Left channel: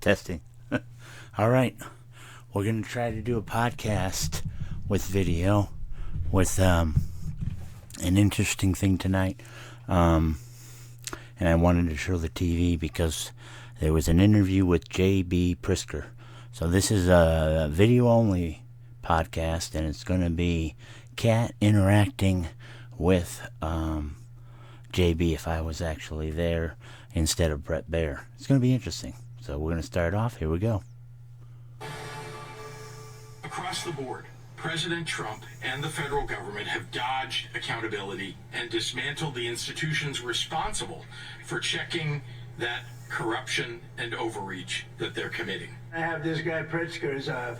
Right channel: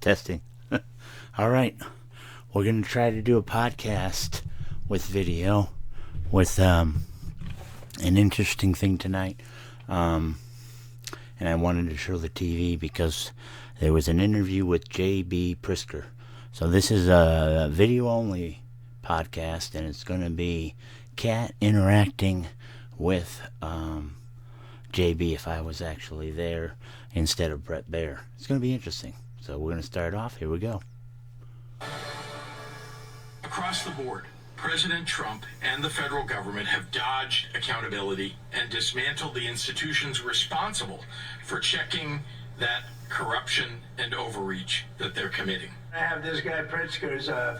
Testing. All right. We're going to try to do a podcast with video with an interesting thing tonight. And I wanted to show the TV because there was an interview with J.B. Pritzker. So this is a video-only podcast, and it's going to be Cat interacting with JB if I was actually there instead of Brett Baer. It's going to be interesting. So we're going to start off. Here we go. Across the board, President Trump and the federal government have dodged accountability and dismantled the institutions responsible for checking that corruption and overreach that they're committing. I have this guy Pritzker is a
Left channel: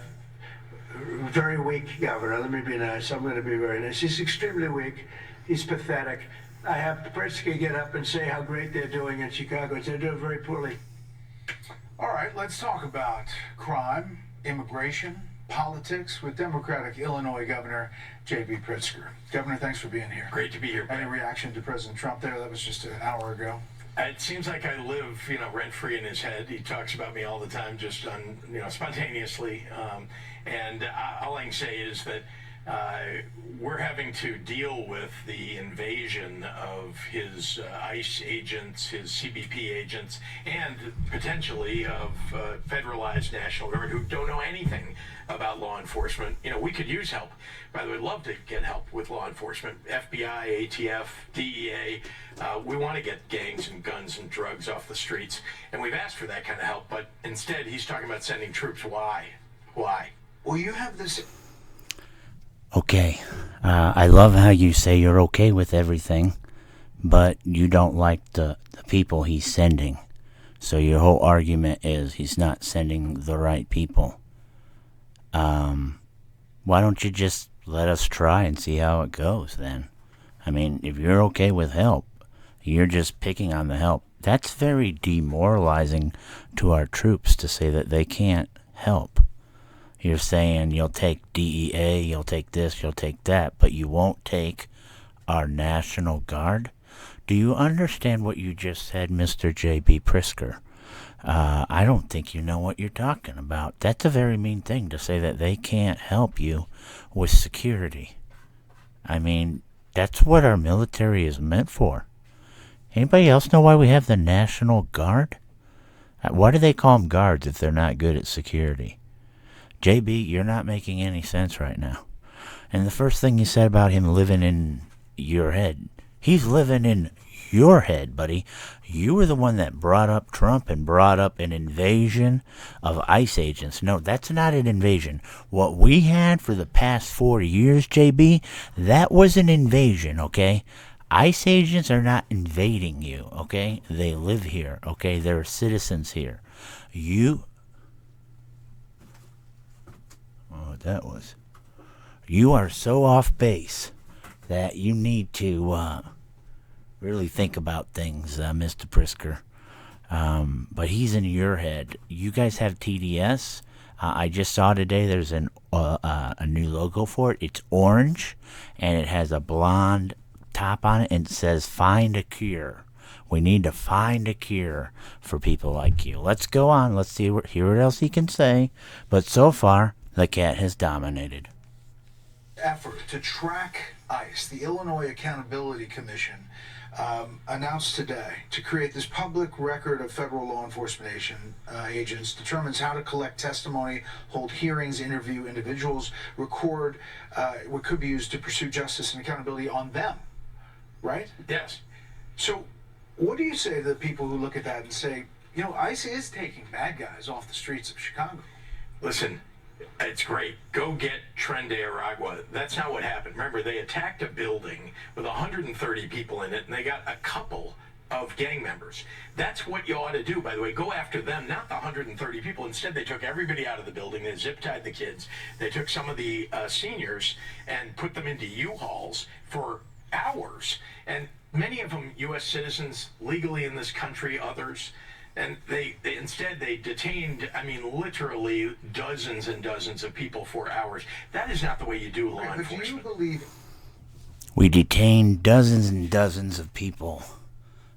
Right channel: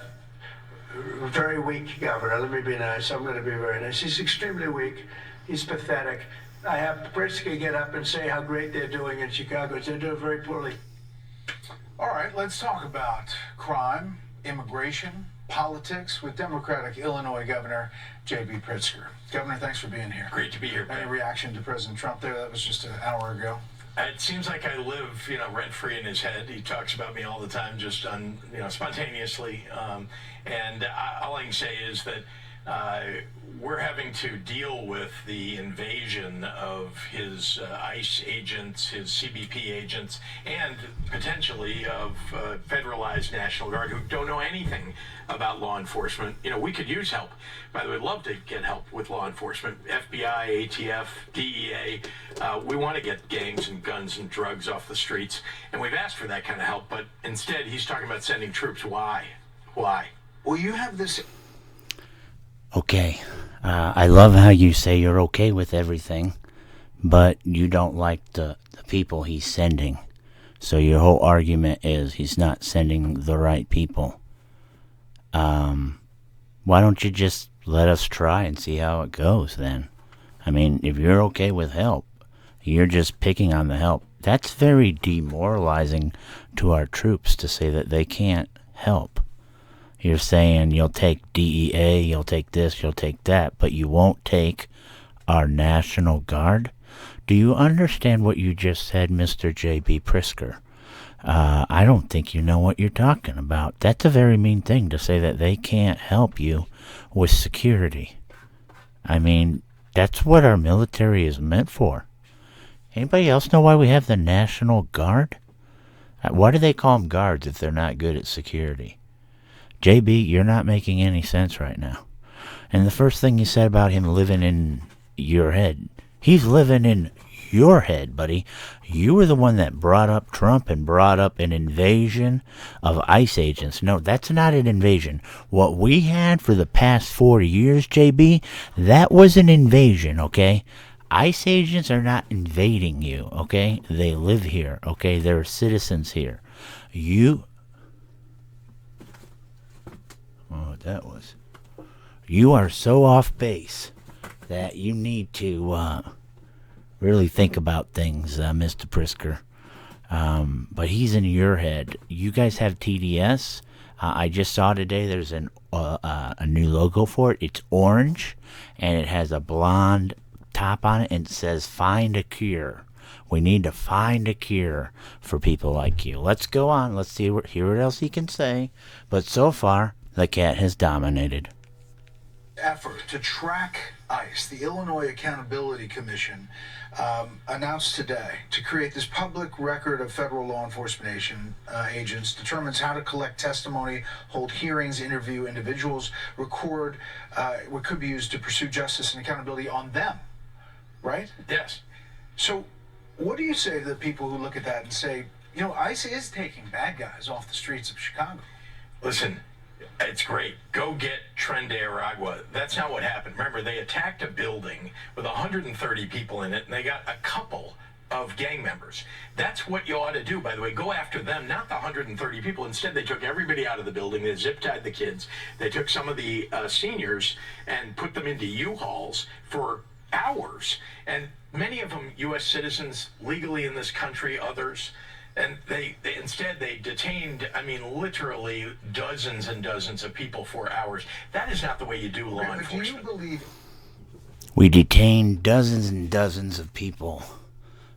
very weak governor. Let me be nice. I'm going to be very nice. He's extremely weak. He's pathetic. I have Pritzker get up and say how great they're doing in Chicago. They're doing very poorly. All right, let's talk about crime, immigration, politics with Democratic Illinois Governor J.B. Pritzker. Governor, thanks for being here. Great to be here. Any reaction to President Trump there? That was just an hour ago. It seems like I live, rent-free in his head. He talks about me all the time, just spontaneously. And all I can say is that we're having to deal with the invasion of his ICE agents, his CBP agents, and potentially of federalized National Guard who don't know anything about law enforcement. We could use help. By the way, we'd love to get help with law enforcement. FBI, ATF, DEA. We want to get gangs and guns and drugs off the streets. And we've asked for that kind of help. But instead, he's talking about sending troops. Why? Well, you have this... Okay. I love how you say you're okay with everything, but you don't like the people he's sending. So your whole argument is he's not sending the right people. Why don't you just let us try and see how it goes then? I mean, if you're okay with help, you're just picking on the help. That's very demoralizing to our troops to say that they can't help. You're saying you'll take DEA, you'll take this, you'll take that, but you won't take our National Guard? Do you understand what you just said, Mr. J.B. Pritzker? I don't think you know what you're talking about. That's a very mean thing to say that they can't help you with security. I mean, that's what our military is meant for. Anybody else know why we have the National Guard? Why do they call them guards if they're not good at security? JB, you're not making any sense right now. And the first thing you said about him living in your head, he's living in your head, buddy. You were the one that brought up Trump and brought up an invasion of ICE agents. No, that's not an invasion. What we had for the past 4 years, JB, that was an invasion, okay? ICE agents are not invading you, okay? They live here, okay? They're citizens here. That was. You are so off base that you need to really think about things, Mr. Pritzker. But he's in your head. You guys have TDS. I just saw today there's a new logo for it. It's orange, and it has a blonde top on it, and it says, "Find a cure." We need to find a cure for people like you. Let's go on. Let's hear what else he can say. But so far, the cat has dominated. Effort to track ICE, the Illinois Accountability Commission, announced today to create this public record of federal law enforcement agents, determines how to collect testimony, hold hearings, interview individuals, record what could be used to pursue justice and accountability on them, right? Yes. So what do you say to the people who look at that and say, ICE is taking bad guys off the streets of Chicago? Listen, it's great. Go get Tren de Aragua. That's not what happened. Remember, they attacked a building with 130 people in it, and they got a couple of gang members. That's what you ought to do, by the way. Go after them, not the 130 people. Instead, they took everybody out of the building. They zip-tied the kids. They took some of the seniors and put them into U-Hauls for hours. And many of them U.S. citizens, legally in this country, others. And they instead detained, literally dozens and dozens of people for hours. That is not the way you do law enforcement. Do you believe... We detained dozens and dozens of people.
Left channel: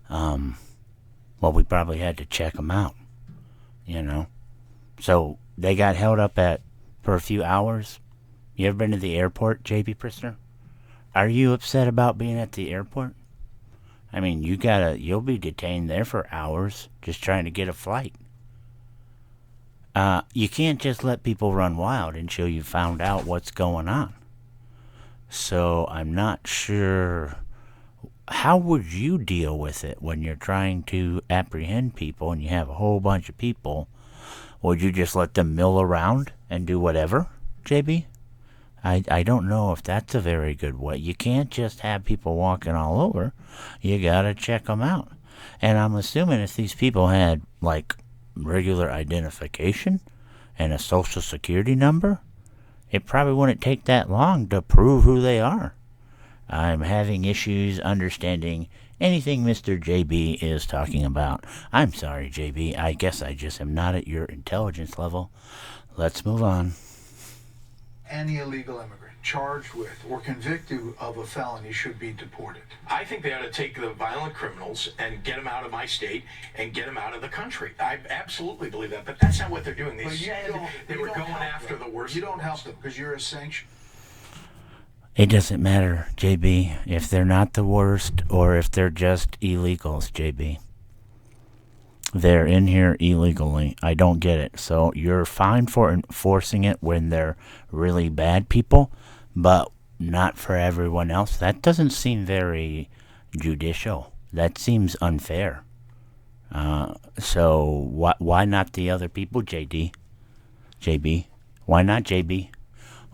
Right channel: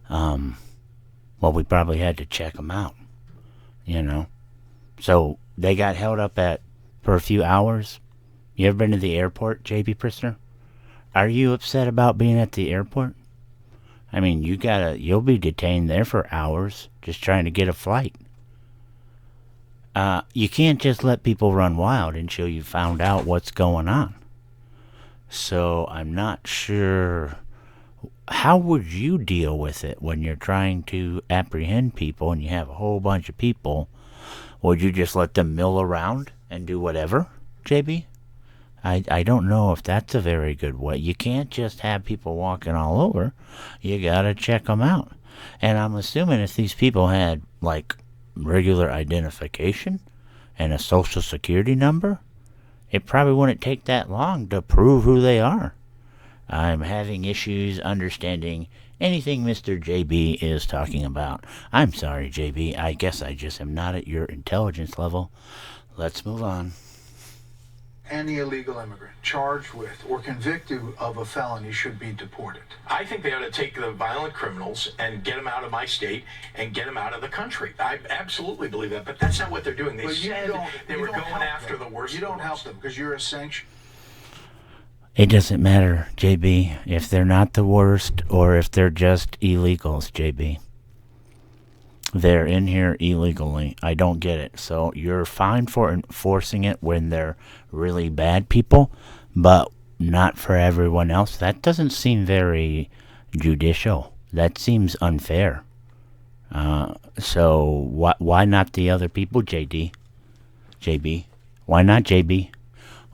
We probably had to check them out, So they got held up for a few hours. You ever been to the airport, JB Pritzker? Are you upset about being at the airport? I mean, you'll be detained there for hours just trying to get a flight. You can't just let people run wild until you found out what's going on. So I'm not sure. How would you deal with it when you're trying to apprehend people and you have a whole bunch of people? Would you just let them mill around and do whatever, JB? I don't know if that's a very good way. You can't just have people walking all over. You gotta check them out. And I'm assuming if these people had, like, regular identification and a social security number, it probably wouldn't take that long to prove who they are. I'm having issues understanding anything Mr. JB is talking about. I'm sorry, JB. I guess I just am not at your intelligence level. Let's move on. Any illegal immigrant charged with or convicted of a felony should be deported. I think they ought to take the violent criminals and get them out of my state and get them out of the country. I absolutely believe that, but that's not what they're doing. They said they were going after the worst. You don't help them because you're a sanction. It doesn't matter, JB, if they're not the worst or if they're just illegals, JB. They're in here illegally. I don't get it. So you're fine for enforcing it when they're really bad people, but not for everyone else. That doesn't seem very judicial. That seems unfair. So why not the other people, JB? Why not, JB?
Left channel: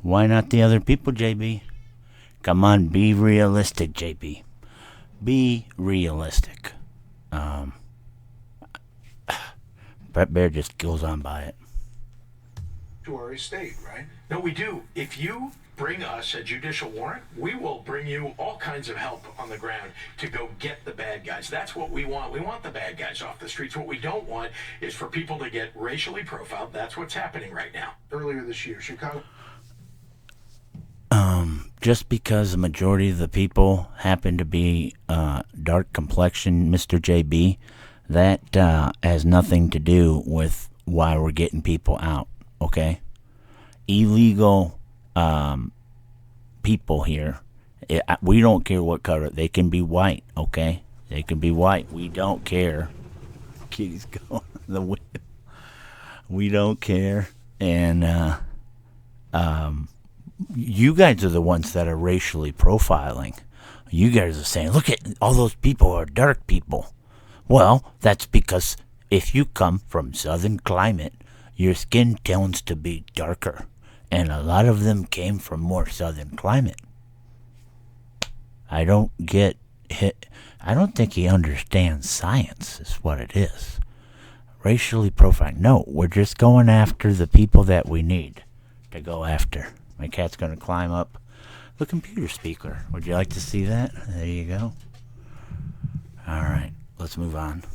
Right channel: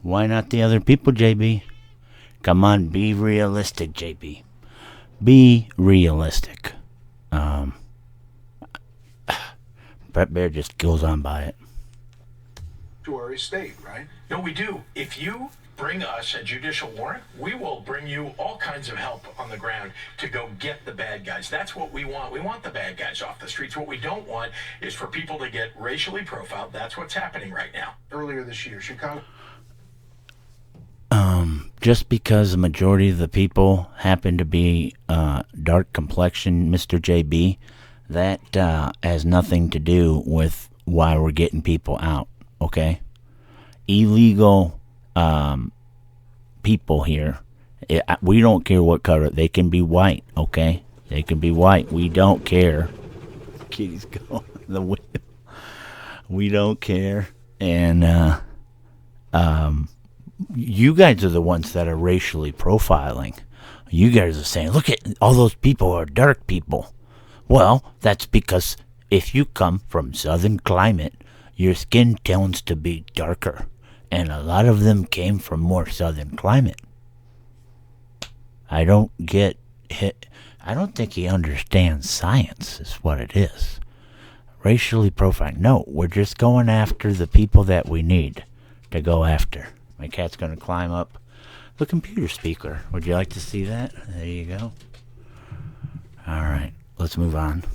Why not the other people, JB? Come on, be realistic, JB. Be realistic. Brett Bear just goes on by it. State, right? No, we do. If you bring us a judicial warrant, we will bring you all kinds of help on the ground to go get the bad guys. That's what we want. We want the bad guys off the streets. What we don't want is for people to get racially profiled. That's what's happening right now. Earlier this year, Chicago. Just because the majority of the people happen to be dark complexion, Mr. JB, that has nothing to do with why we're getting people out, okay? Illegal people here, we don't care what color. They can be white, okay? They can be white. We don't care. Kitty's going the wheel. We don't care. And you guys are the ones that are racially profiling. You guys are saying, look at all those people are dark people. Well, that's because if you come from southern climate, your skin tends to be darker. And a lot of them came from more southern climate. I don't get hit. I don't think he understands science is what it is. Racially profiling. No, we're just going after the people that we need to go after. My cat's going to climb up the computer speaker. Would you like to see that? There you go. All right, let's move on.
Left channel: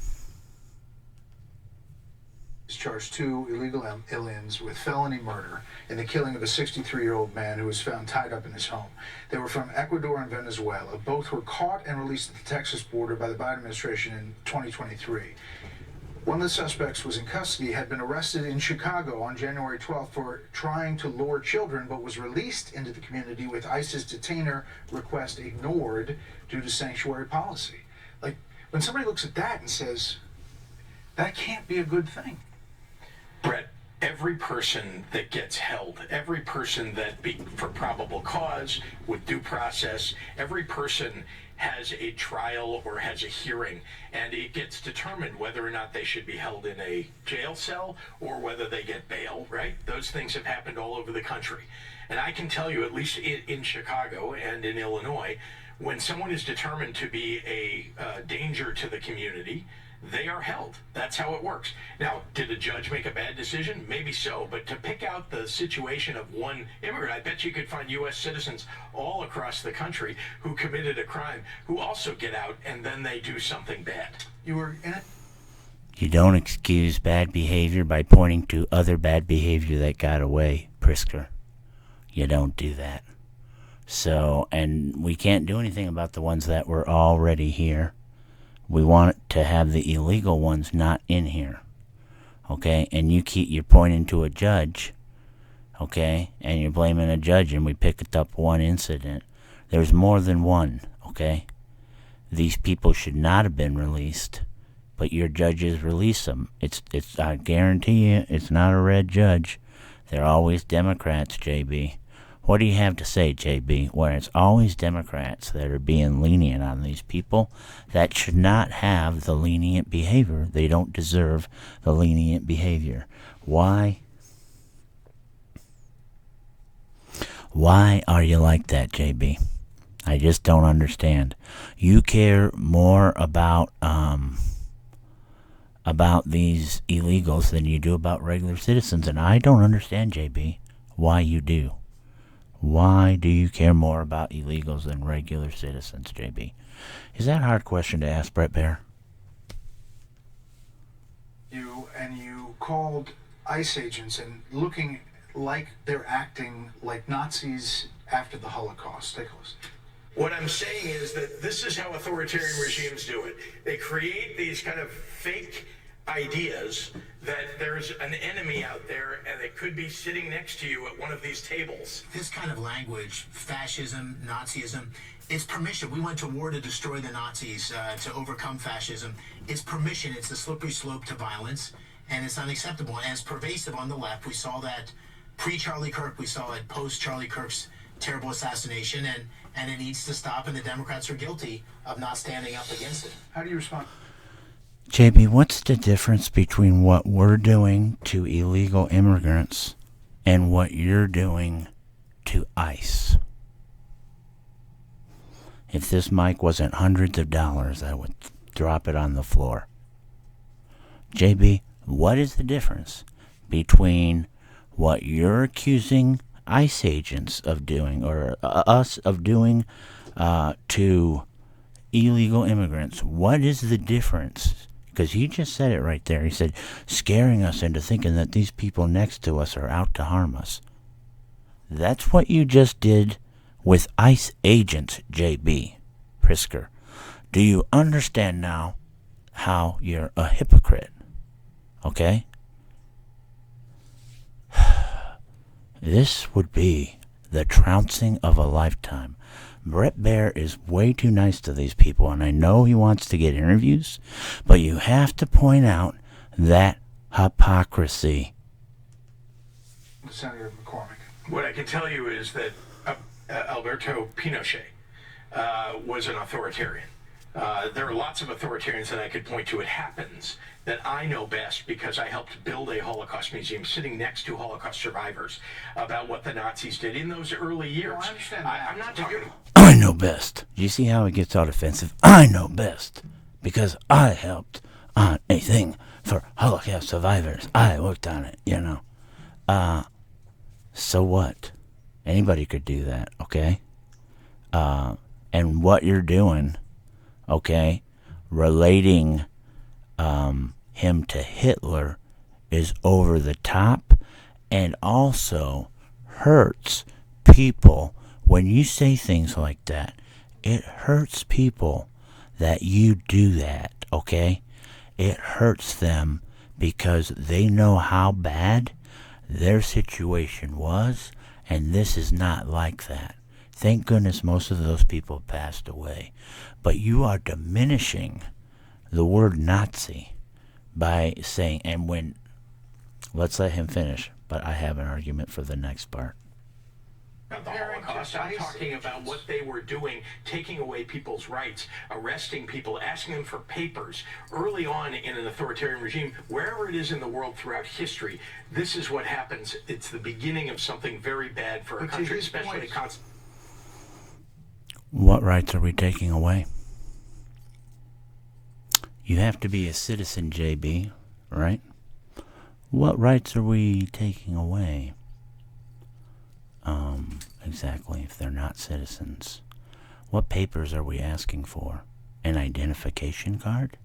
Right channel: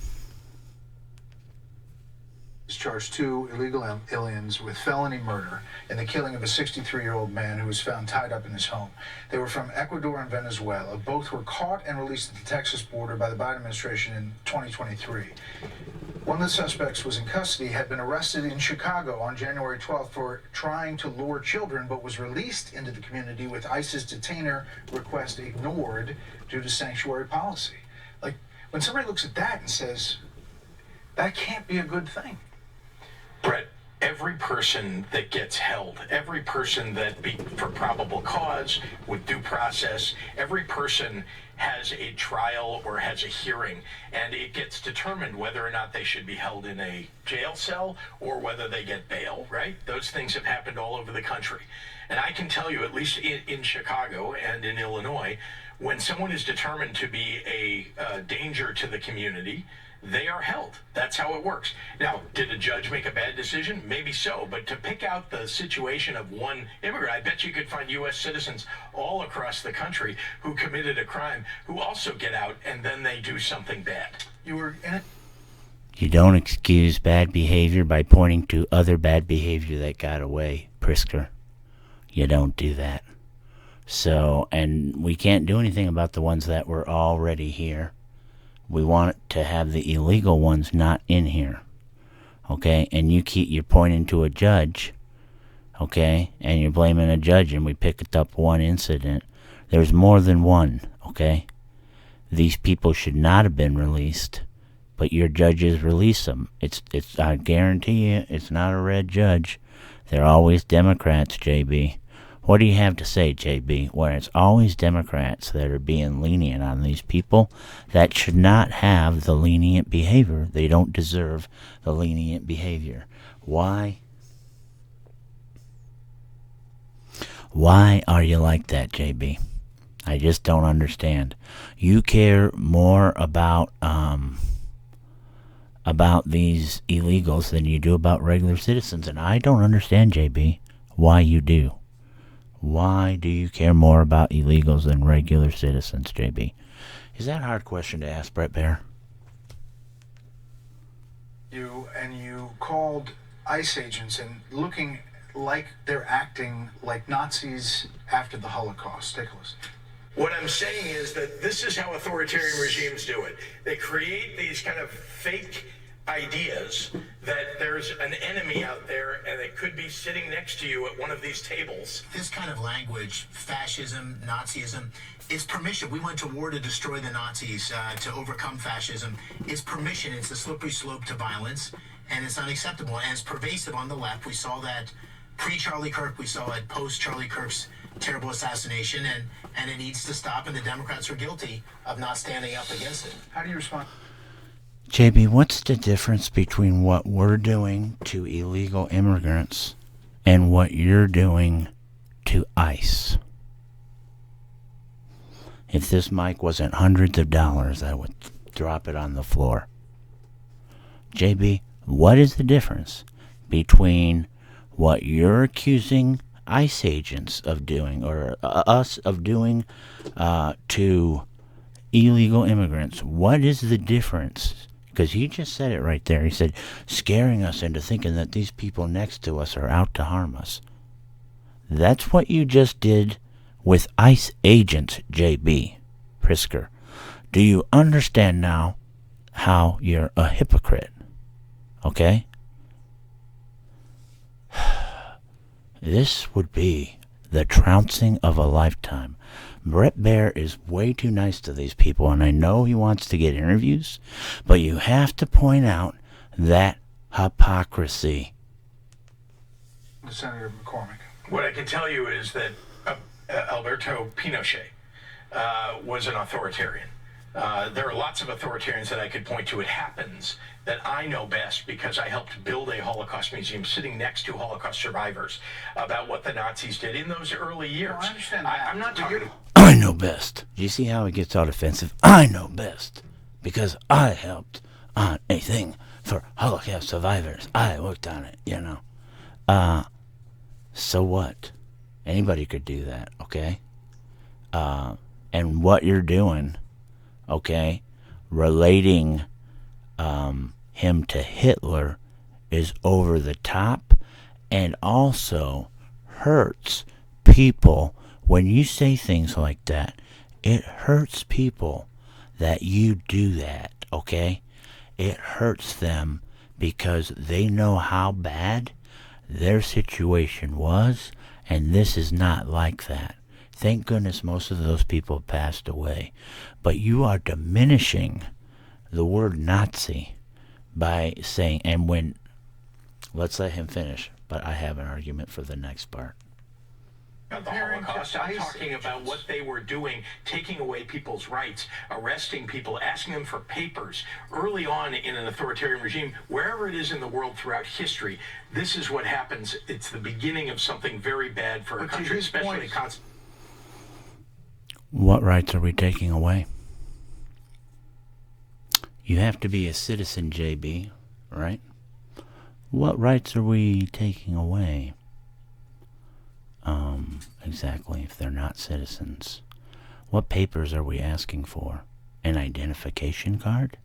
Charged 2 illegal aliens with felony murder in the killing of a 63-year-old man who was found tied up in his home. They were from Ecuador and Venezuela. Both were caught and released at the Texas border by the Biden administration in 2023. One of the suspects was in custody, had been arrested in Chicago on January 12th for trying to lure children, but was released into the community with ICE's detainer request ignored due to sanctuary policy. Like, when somebody looks at that and says, that can't be a good thing. Brett, every person that gets held, every person that for probable cause, with due process, every person has a trial or has a hearing, and it gets determined whether or not they should be held in a jail cell or whether they get bail, right? Those things have happened all over the country. And I can tell you, at least in Chicago and in Illinois, when someone is determined to be a danger to the community, they are held. That's how it works. Now, did a judge make a bad decision? Maybe so. But to pick out the situation of one immigrant, I bet you could find U.S. citizens all across the country who committed a crime who also get out and then they do something bad. You were in it. You don't excuse bad behavior by pointing to other bad behavior that got away, Pritzker. You don't do that. So, and we can't do anything about the ones that were already here. We want to have the illegal ones not in here. okay, and you're pointing to a judge, okay, and you're blaming a judge, and we picked up one incident. There's more than one, okay? These people should not have been released, but your judges release them. I guarantee you, it's not a red judge. They're always Democrats, JB. What do you have to say, JB? Where it's always Democrats that are being lenient on these people that should not have the lenient behavior. They don't deserve the lenient behavior. Why? Why are you like that, JB? I just don't understand. You care more about these illegals than you do about regular citizens, and I don't understand, JB, why you do. Why do you care more about illegals than regular citizens, JB? Is that a hard question to ask, Brett Baer? You called ICE agents and looking like they're acting like Nazis after the Holocaust. Take a listen. What I'm saying is that this is how authoritarian regimes do it. They create these kind of fake ideas that there's an enemy out there and it could be sitting next to you at one of these tables. This kind of language, fascism, Nazism, it's permission. We went to war to destroy the Nazis, to overcome fascism. It's permission. It's a slippery slope to violence, and it's unacceptable. And it's pervasive on the left. We saw that pre-Charlie Kirk. We saw it post-Charlie Kirk's terrible assassination, and it needs to stop, and the Democrats are guilty of not standing up against it. How do you respond? JB, what's the difference between what we're doing to illegal immigrants and what you're doing to ICE? If this mic wasn't hundreds of dollars, I would drop it on the floor. JB, what is the difference between what you're accusing ICE agents of doing, or us of doing, to illegal immigrants? What is the difference? Because he just said it right there. He said, scaring us into thinking that these people next to us are out to harm us. That's what you just did with ICE agents, JB Pritzker. Do you understand now how you're a hypocrite? Okay? This would be the trouncing of a lifetime. Brett Baer is way too nice to these people, and I know he wants to get interviews, but you have to point out that hypocrisy. Senator McCormick. What I can tell you is that Alberto Pinochet was an authoritarian. There are lots of authoritarians that I could point to. It happens that I know best because I helped build a Holocaust museum sitting next to Holocaust survivors about what the Nazis did in those early years. No, I understand that. I'm not talking... I know best. Do you see how he gets all defensive? I know best because I helped on a thing for Holocaust survivors. I worked on it, you know. So what? Anybody could do that, okay? And what you're doing, okay, relating him to Hitler is over the top and also hurts people. When you say things like that, it hurts people that you do that, okay? It hurts them because they know how bad their situation was, and this is not like that. Thank goodness most of those people passed away. But you are diminishing the word Nazi by saying, and when, let's let him finish, but I have an argument for the next part. The Holocaust, I'm talking about what they were doing, taking away people's rights, arresting people, asking them for papers. Early on in an authoritarian regime, wherever it is in the world throughout history, this is what happens. It's the beginning of something very bad for a country, especially a What rights are we taking away? You have to be a citizen, JB, right? What rights are we taking away? Exactly, if they're not citizens. What papers are we asking for? An identification card?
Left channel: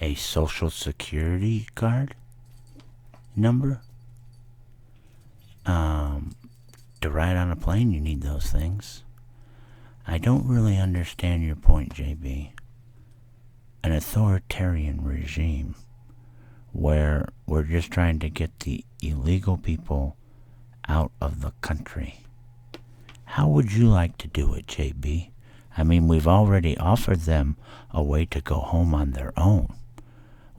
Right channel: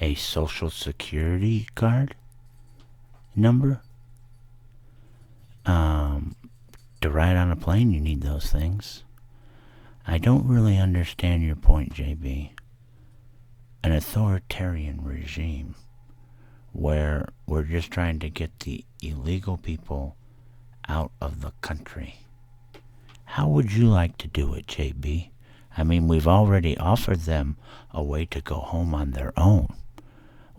A social security card number? To ride on a plane, you need those things. I don't really understand your point, JB. An authoritarian regime where we're just trying to get the illegal people out of the country. How would you like to do it, JB? I mean, we've already offered them a way to go home on their own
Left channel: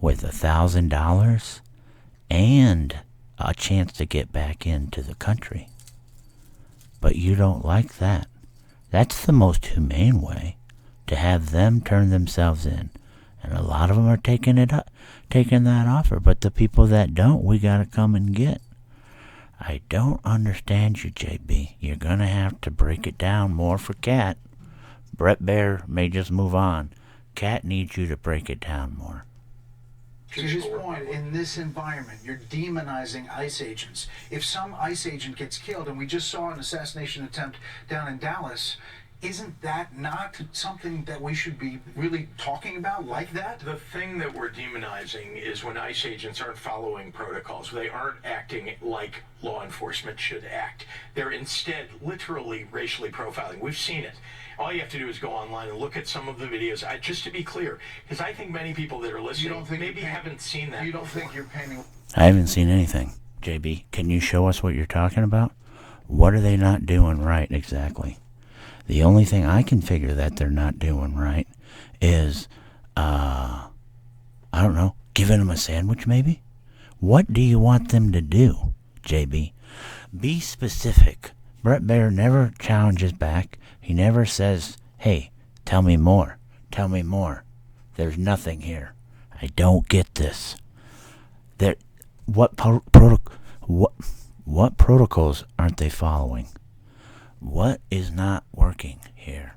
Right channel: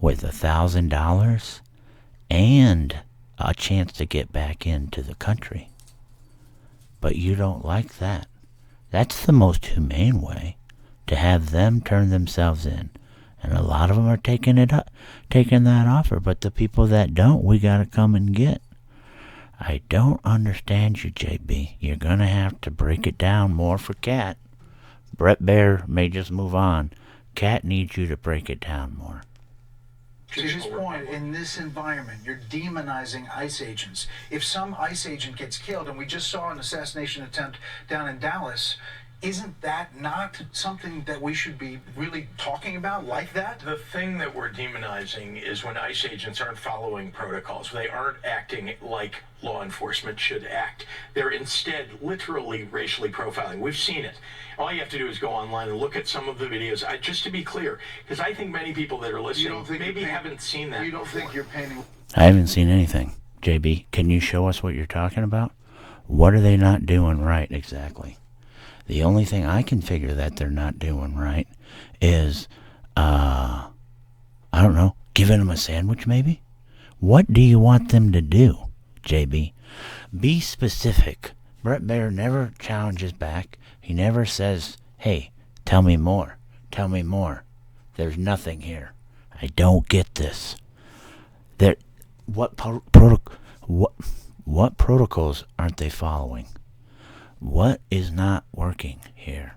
with $1,000 and a chance to get back into the country. But you don't like that. That's the most humane way, to have them turn themselves in. And a lot of them are taking that offer, but the people that don't, we got to come and get. I don't understand you, JB. You're going to have to break it down more for Cat. Brett Bear may just move on. Cat needs you to break it down more. To his point, in this environment, you're demonizing ICE agents. If some ICE agent gets killed, and we just saw an assassination attempt down in Dallas, isn't that not something that we should be really talking about like that? The thing that we're demonizing is when ICE agents aren't following protocols. They aren't acting like law enforcement should act. They're instead literally racially profiling. We've seen it. All you have to do is go online and look at some of the videos. Just to be clear, because I think many people that are listening maybe haven't seen that. You don't think you're painting? I haven't seen anything. JB, can you show us what you're talking about? What are they not doing right exactly? The only thing I can figure that they're not doing right is, I don't know, giving them a sandwich maybe? What do you want them to do, JB? Be specific. Brett Baer never challenges back. He never says, hey, tell me more. Tell me more. There's nothing here. I don't get this. What protocols aren't they following? What is not working here?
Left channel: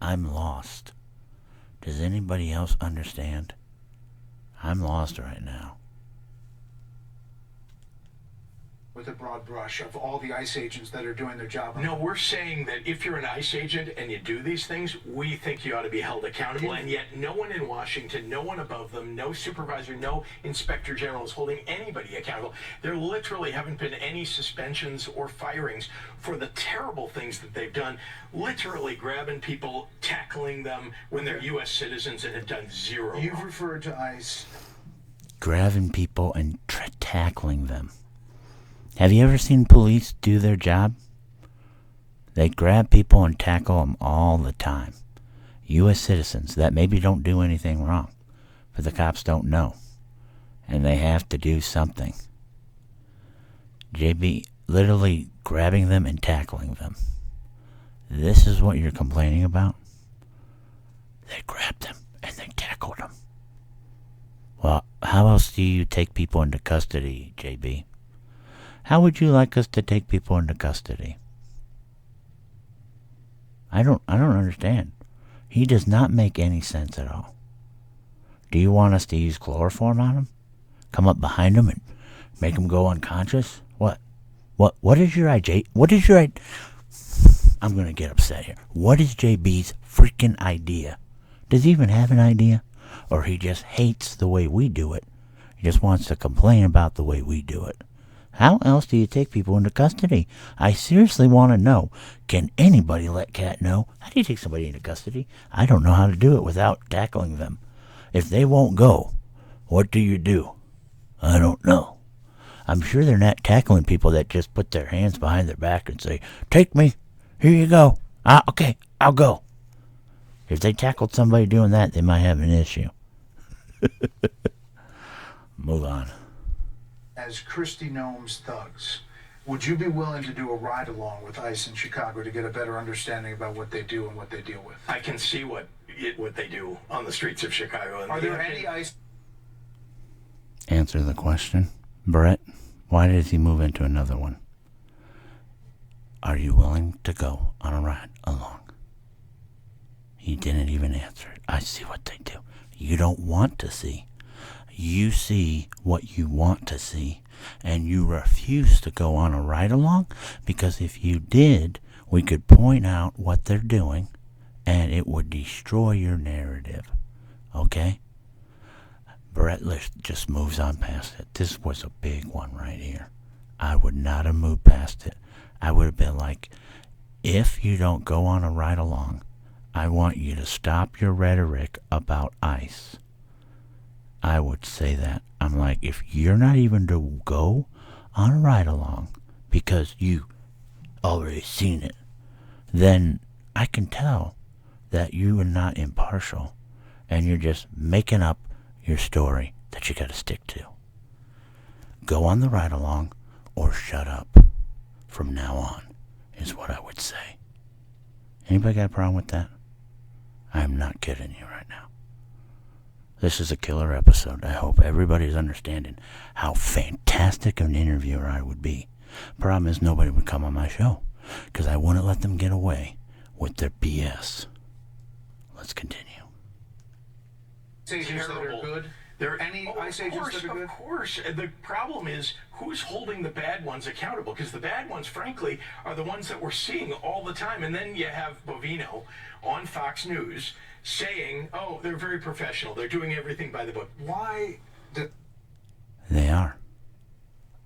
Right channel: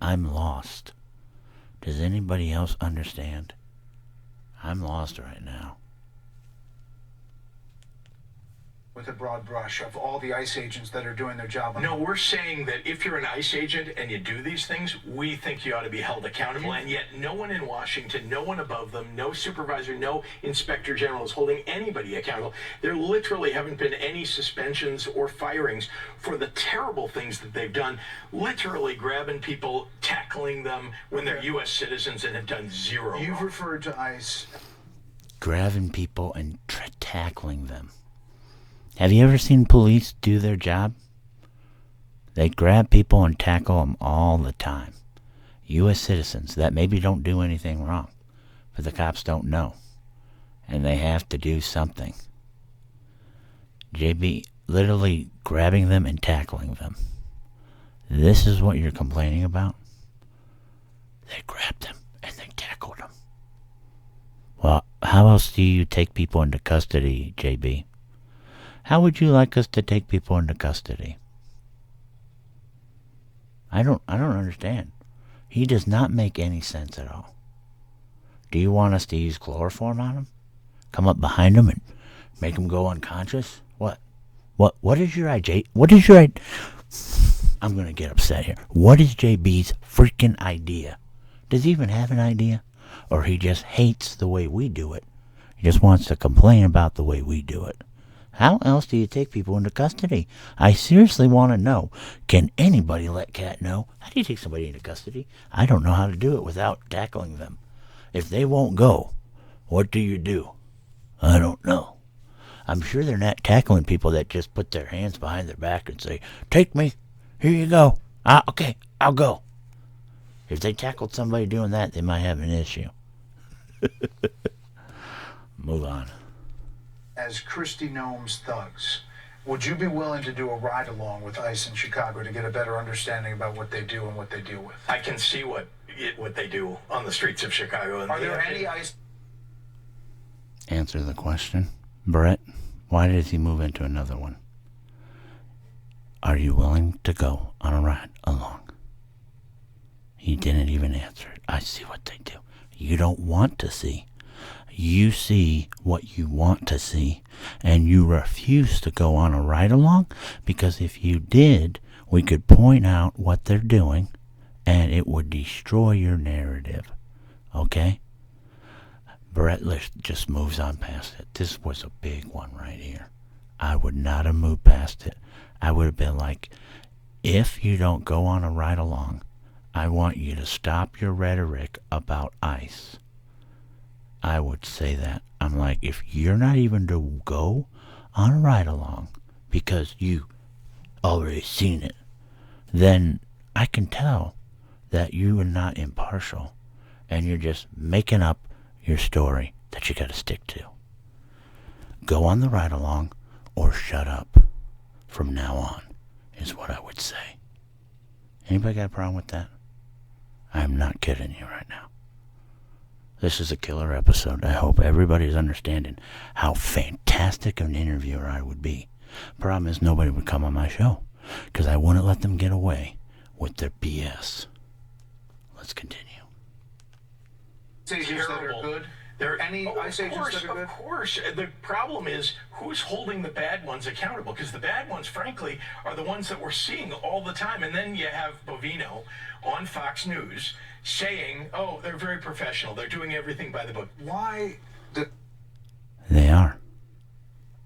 I'm lost. Does anybody else understand? I'm lost right now. With a broad brush of all the ICE agents that are doing their job. No, we're saying that if you're an ICE agent and you do these things, we think you ought to be held accountable. And yet no one in Washington, no one above them, no supervisor, no inspector general is holding anybody accountable. There literally haven't been any suspensions or firings for the terrible things that they've done, literally grabbing people, tackling them when they're U.S. citizens and have done zero You've wrong. referred to ICE. Grabbing people and tackling them. Have you ever seen police do their job? They grab people and tackle them all the time. U.S. citizens that maybe don't do anything wrong, but the cops don't know, and they have to do something. JB, literally grabbing them and tackling them. This is what you're complaining about? They grabbed them and they tackled them. Well, how else do you take people into custody, JB? How would you like us to take people into custody? I don't understand. He does not make any sense at all. Do you want us to use chloroform on him? Come up behind him and make him go unconscious? What is your idea? I'm going to get upset here. What is JB's freaking idea? Does he even have an idea? Or he just hates the way we do it? He just wants to complain about the way we do it. How else do you take people into custody? I seriously want to know. Can anybody let Cat know? How do you take somebody into custody? I don't know how to do it without tackling them. If they won't go, what do you do? I don't know. I'm sure they're not tackling people that just put their hands behind their back and say, take me, here you go. Okay, I'll go. If they tackled somebody doing that, they might have an issue. Move on. As Kristi Noem's thugs, would you be willing to do a ride-along with ICE in Chicago to get a better understanding about what they do and what they deal with? I can see what they do on the streets of Chicago. And Are there any ICE... Answer the question. Brett, why did he move into another one? Are you willing to go on a ride along? He didn't even answer it. I see what they do. You don't want to see. You see what you want to see, and you refuse to go on a ride-along, because if you did, we could point out what they're doing, and it would destroy your narrative. Okay? Brett just moves on past it. This was a big one right here. I would not have moved past it. I would have been like, if you don't go on a ride-along, I want you to stop your rhetoric about ICE. I would say that. I'm like, if you're not even to go on a ride along because you already seen it, then I can tell that you are not impartial and you're just making up your story that you got to stick to. Go on the ride along or shut up from now on is what I would say. Anybody got a problem with that? I'm not kidding you right now. This is a killer episode. I hope everybody's understanding how fantastic of an interviewer I would be. Problem is, nobody would come on my show because I wouldn't let them get away with their BS. Let's continue. Agents that are good. There are any ICE agents that are good? Of course. The problem is who's holding the bad ones accountable? Because the bad ones, frankly, are the ones that we're seeing all the time. And then you have Bovino on Fox News saying, oh, they're very professional. They're doing everything by the book. Why? They are.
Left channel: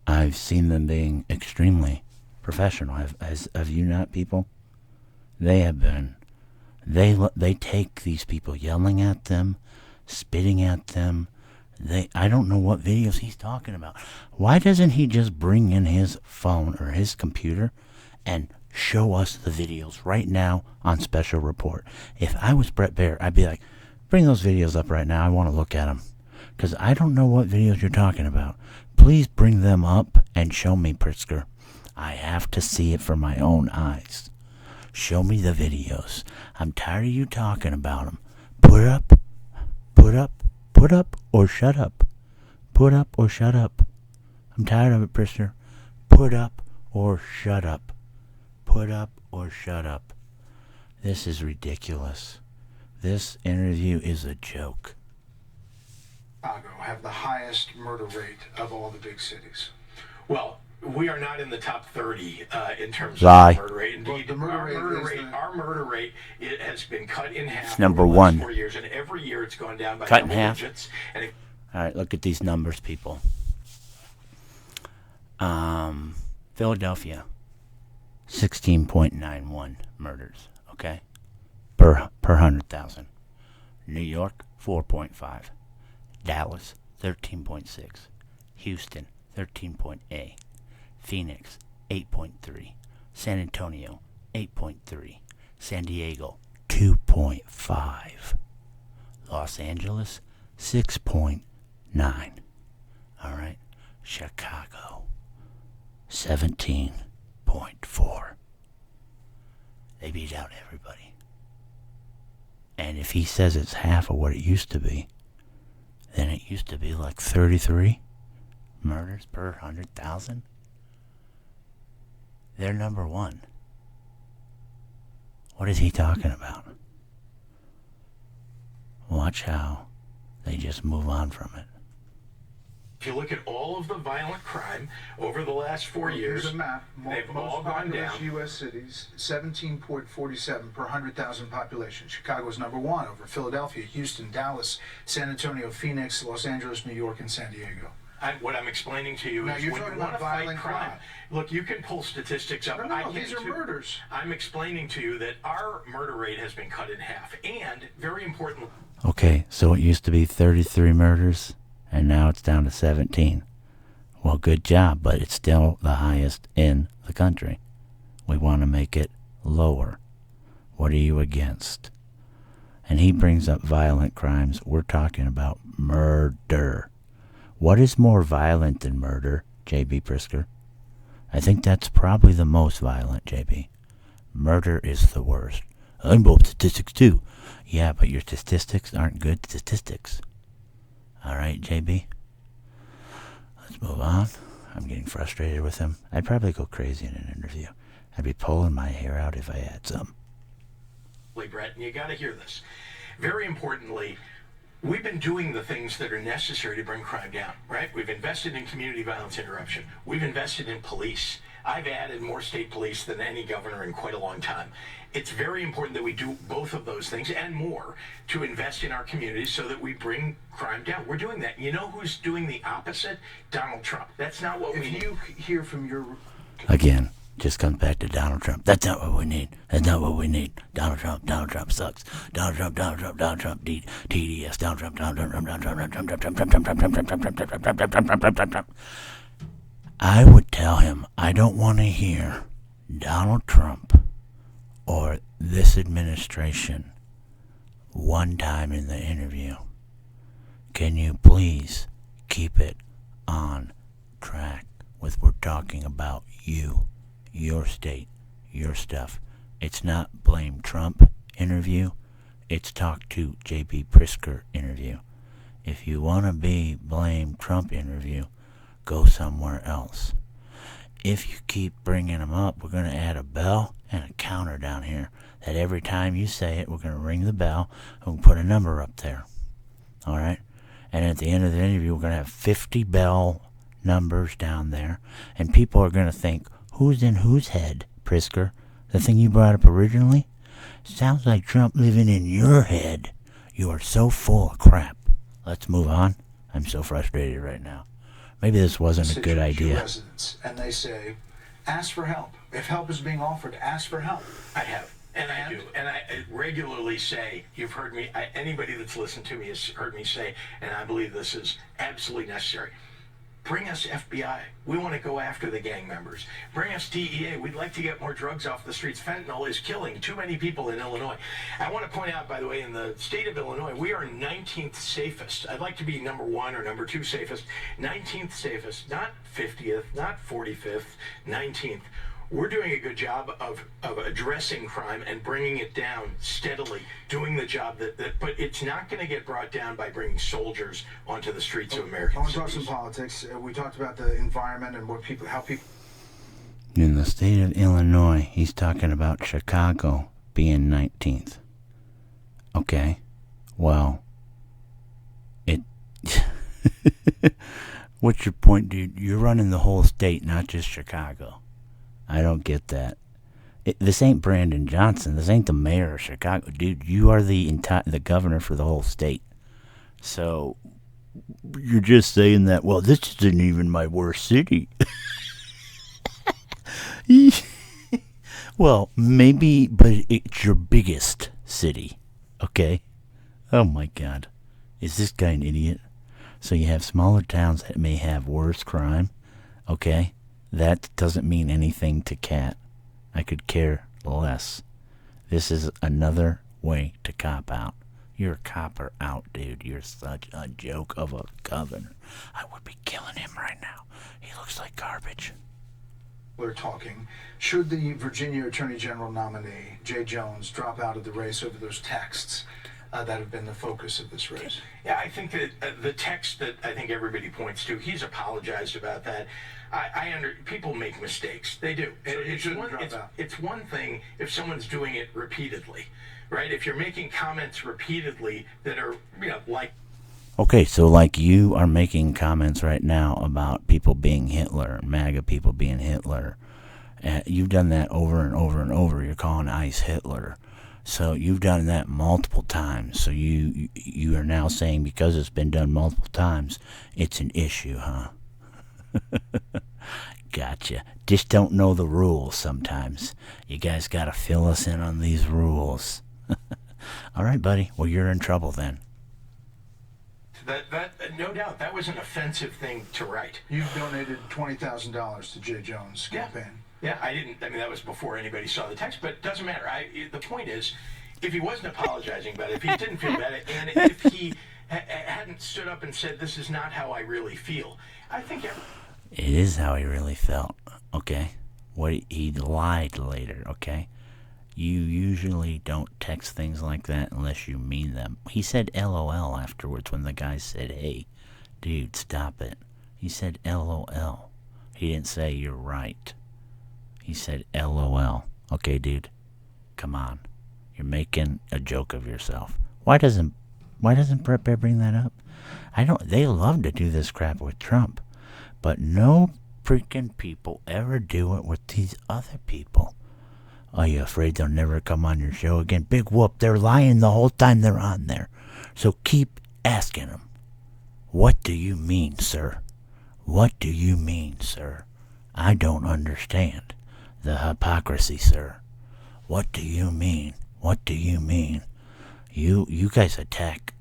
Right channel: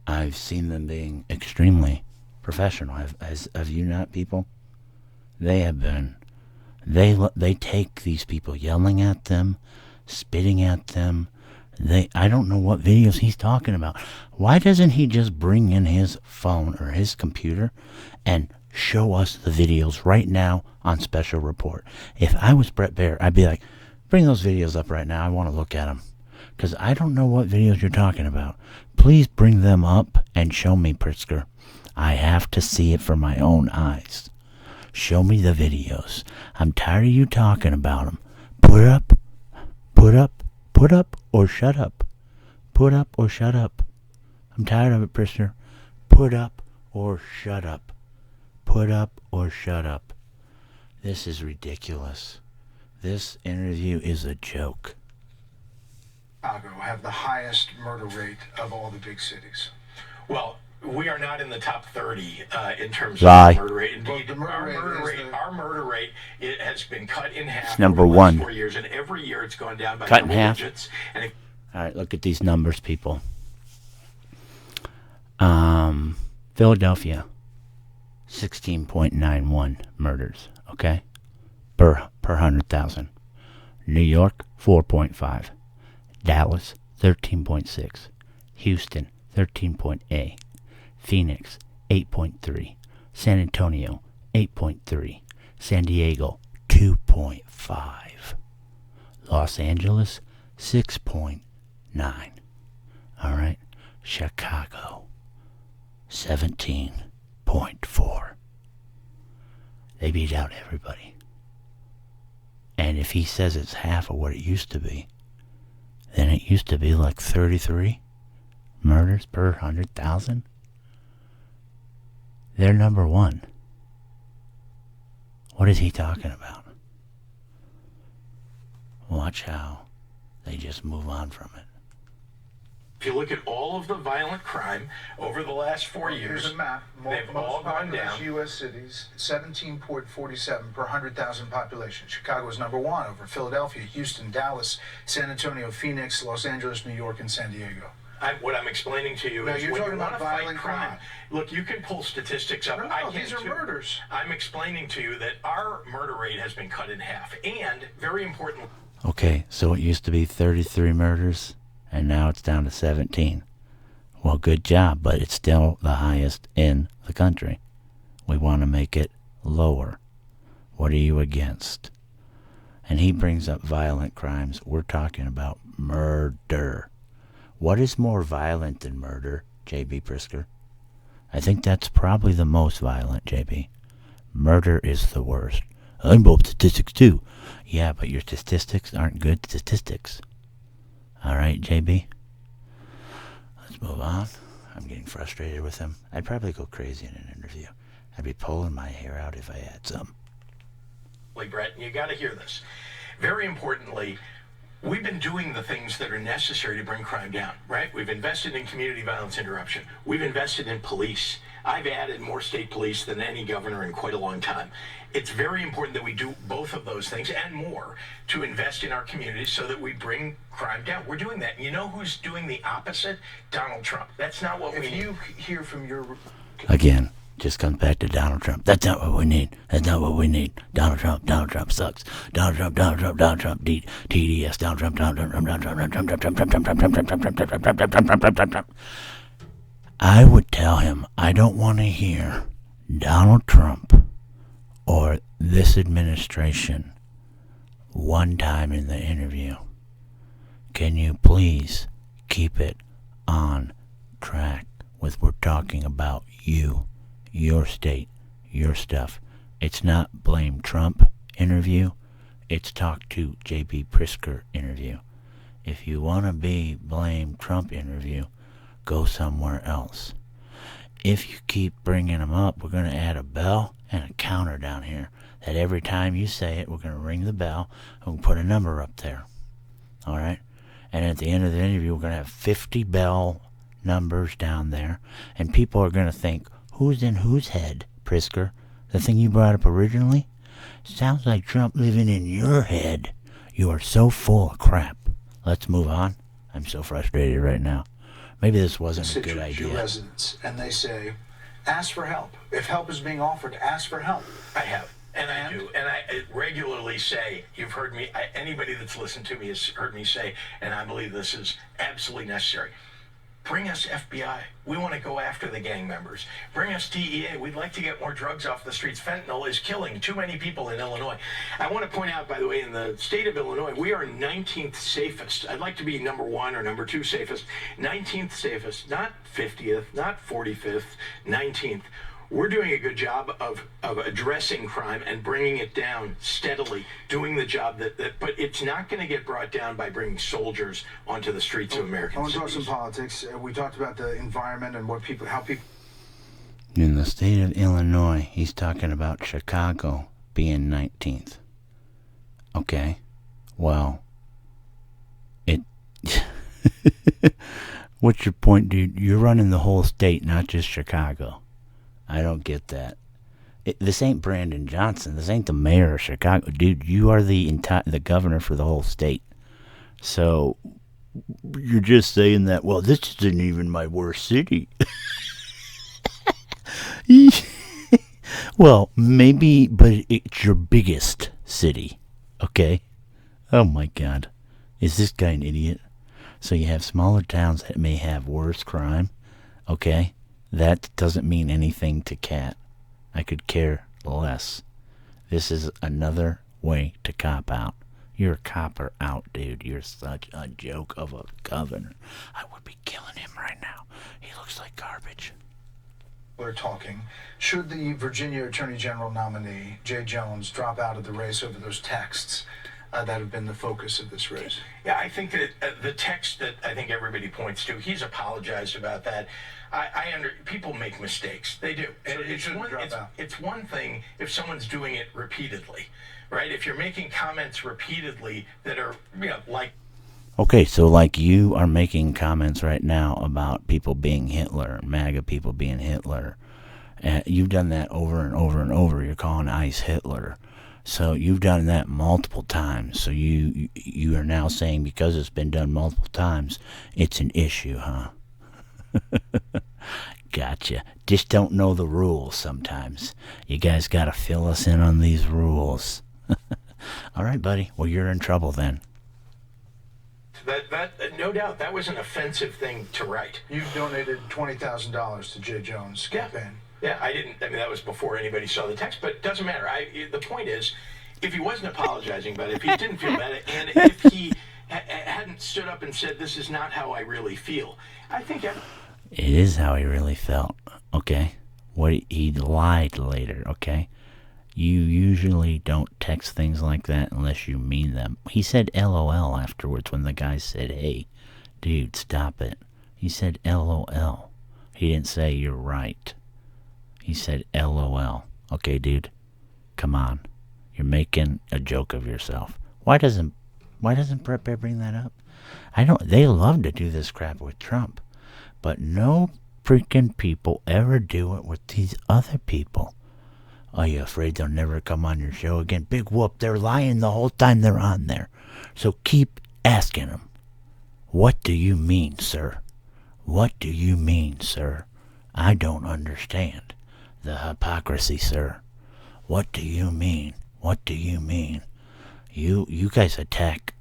I've seen them being extremely professional. Have you not, people? They have been. They take these people yelling at them, spitting at them. I don't know what videos he's talking about. Why doesn't he just bring in his phone or his computer and show us the videos right now on Special Report? If I was Brett Baer, I'd be like, bring those videos up right now. I want to look at them. Because I don't know what videos you're talking about. Please bring them up and show me, Pritzker. I have to see it for my own eyes. Show me the videos. I'm tired of you talking about them. Put up, or shut up. Put up or shut up. I'm tired of it, Pritzker. Put up or shut up. Put up or shut up. This is ridiculous. This interview is a joke. Chicago have the highest murder rate of all the big cities. Well, we are not in the top 30 in terms Lie. of murder rate. Indeed, Well, our murder rate it has been cut in half. It's number over the last one. 4 years, and every year it's gone down by Cut in double half. digits. And All right, look at these numbers, people. Philadelphia, 16.91 murders, okay? Per 100,000. New York, 4.5. Dallas, 13.6. Houston, 13.8. Phoenix, 8.3. San Antonio, 8.3. San Diego, 2.5. Los Angeles, 6.9. All right. Chicago, 17.4. They beat out everybody. And if he says it's half of what it used to be, then it used to be like 33 murders per 100,000. They're number one. What is he talking about? Watch how they just move on from it. if you look at all of the violent crime over the last 4 years, Here's a map. they've all gone down. U.S. cities, 17.47 per 100,000 population. Chicago is number one over Philadelphia, Houston, Dallas, San Antonio, Phoenix, Los Angeles, New York, and San Diego. What I'm explaining to you Now, is you're when you talking want to about fight violent crime. crime. Look, you can pull statistics up. No, I can these are too. murders. I'm explaining to you that our murder rate has been cut in half, and very important. Okay, so it used to be 33 murders, and now it's down to 17. Well, good job, but it's still the highest in the country. We want to make it lower. What are you against? And he brings up violent crimes. We're talking about murder. What is more violent than murder, J.B. Pritzker? I think that's probably the most violent, J.B. Murder is the worst. I'm both statistics too. Yeah, but your statistics aren't good statistics. All right, J.B.? Let's move on. I'm getting frustrated with him. I'd probably go crazy in an interview. I'd be pulling my hair out if I had some. Brett, and you got to hear this. Very importantly, we've been doing the things that are necessary to bring crime down, right? We've invested in community violence interruption. We've invested in police. I've added more state police than any governor in quite a long time. It's very important that we do both of those things and more to invest in our communities so that we bring crime down. We're doing that. You know who's doing the opposite? Donald Trump. That's not what we need. If you hear from your... Again, just comes back to Donald Trump. That's not what we need. That's not what we need. Donald Trump sucks. Donald Trump, TDS, Donald Trump, I would tell him I don't want to hear Donald Trump or this administration one time in the interview. Can you please keep it on track with we're talking about you, your state, your stuff. It's not blame Trump interview. It's talk to J.B. Pritzker interview. If you want to be blame Trump interview, go somewhere else. If you keep bringing them up, we're going to add a bell and a counter down here that every time you say it, we're going to ring the bell and we'll put a number up there. All right? And at the end of the interview, we're going to have 50 bell numbers down there, and people are going to think, who's in whose head, Pritzker? The thing you brought up originally? Sounds like Trump living in your head. You are so full of crap. Let's move on. I'm so frustrated right now. Maybe this wasn't a good idea. Residents, and they say, ask for help. If help is being offered, ask for help. I have. And I do. And I regularly say, you've heard me, anybody that's listened to me has heard me say, and I believe this is absolutely necessary. Bring us FBI. We want to go after the gang members. Bring us DEA. We'd like to get more drugs off the streets. Fentanyl is killing too many people in Illinois. I want to point out, by the way, in the state of Illinois, we are 19th safest. I'd like to be number 1 or number 2 safest. 19th safest, not 50th, not 45th, 19th. We're doing a good job of addressing crime and bringing it down steadily, doing the job but it's not going to get brought down by bringing soldiers onto the streets of American I want to talk cities. some politics. We talked about the environment and how people. In the state of Illinois, he's talking about Chicago being 19th. Okay, well, what's your point, dude? You're running the whole state, not just Chicago. I don't get that. This ain't Brandon Johnson. This ain't the mayor of Chicago. Dude, you are the governor for the whole state. So you're just saying that, well, this isn't even my worst city. Well, maybe, but it's your biggest city. Okay? Oh my God. Is this guy an idiot? So you have smaller towns that may have worse crime. Okay? That doesn't mean anything to Kat. I could care less. This is another way to cop out. You're a copper out, dude. You're such a joke of a governor. I would be killing him right now. He looks like garbage. We're talking. Should the Virginia Attorney General nominee, Jay Jones, drop out of the race over those texts that have been the focus of this race? Yeah, I think that the text that I think everybody points to, he's apologized about that. People make mistakes. They do. So It's one thing if someone's doing it repeatedly, right? If you're making comments repeatedly that are, like. Okay, so like you are making comments right now about people being Hitler, MAGA people being Hitler. You've done that over and over and over. You're calling ICE Hitler. So you've done that multiple times. So you are now saying because it's been done multiple times, it's an issue, huh? Gotcha. Just don't know the rules sometimes. You guys got to fill us in on these rules. All right, buddy. Well, you're in trouble then. That no doubt, that was an offensive thing to write. You donated $20,000 to Jay Jones' campaign. Yeah, I didn't. I mean, that was before anybody saw the text, but it doesn't matter. The point is, if he wasn't apologizing about it, if he didn't feel bad, and if he hadn't stood up and said, this is not how I really feel, I think... It is how he really felt, okay? He lied later, okay? You usually don't text things like that unless you mean them. He said LOL afterwards when the guy said, hey, dude, stop it. He said LOL. He didn't say you're right. He said LOL. Okay, dude, come on. You're making a joke of yourself. Why doesn't Brett Bear bring that up? They love to do this crap with Trump, but no freaking people ever do it with these other people. Are you afraid they'll never come on your show again? Big whoop, they're lying the whole time they're on there. So keep asking them. What do you mean, sir? What do you mean, sir? I don't understand. The hypocrisy, sir. What do you mean? What do you mean? You guys attack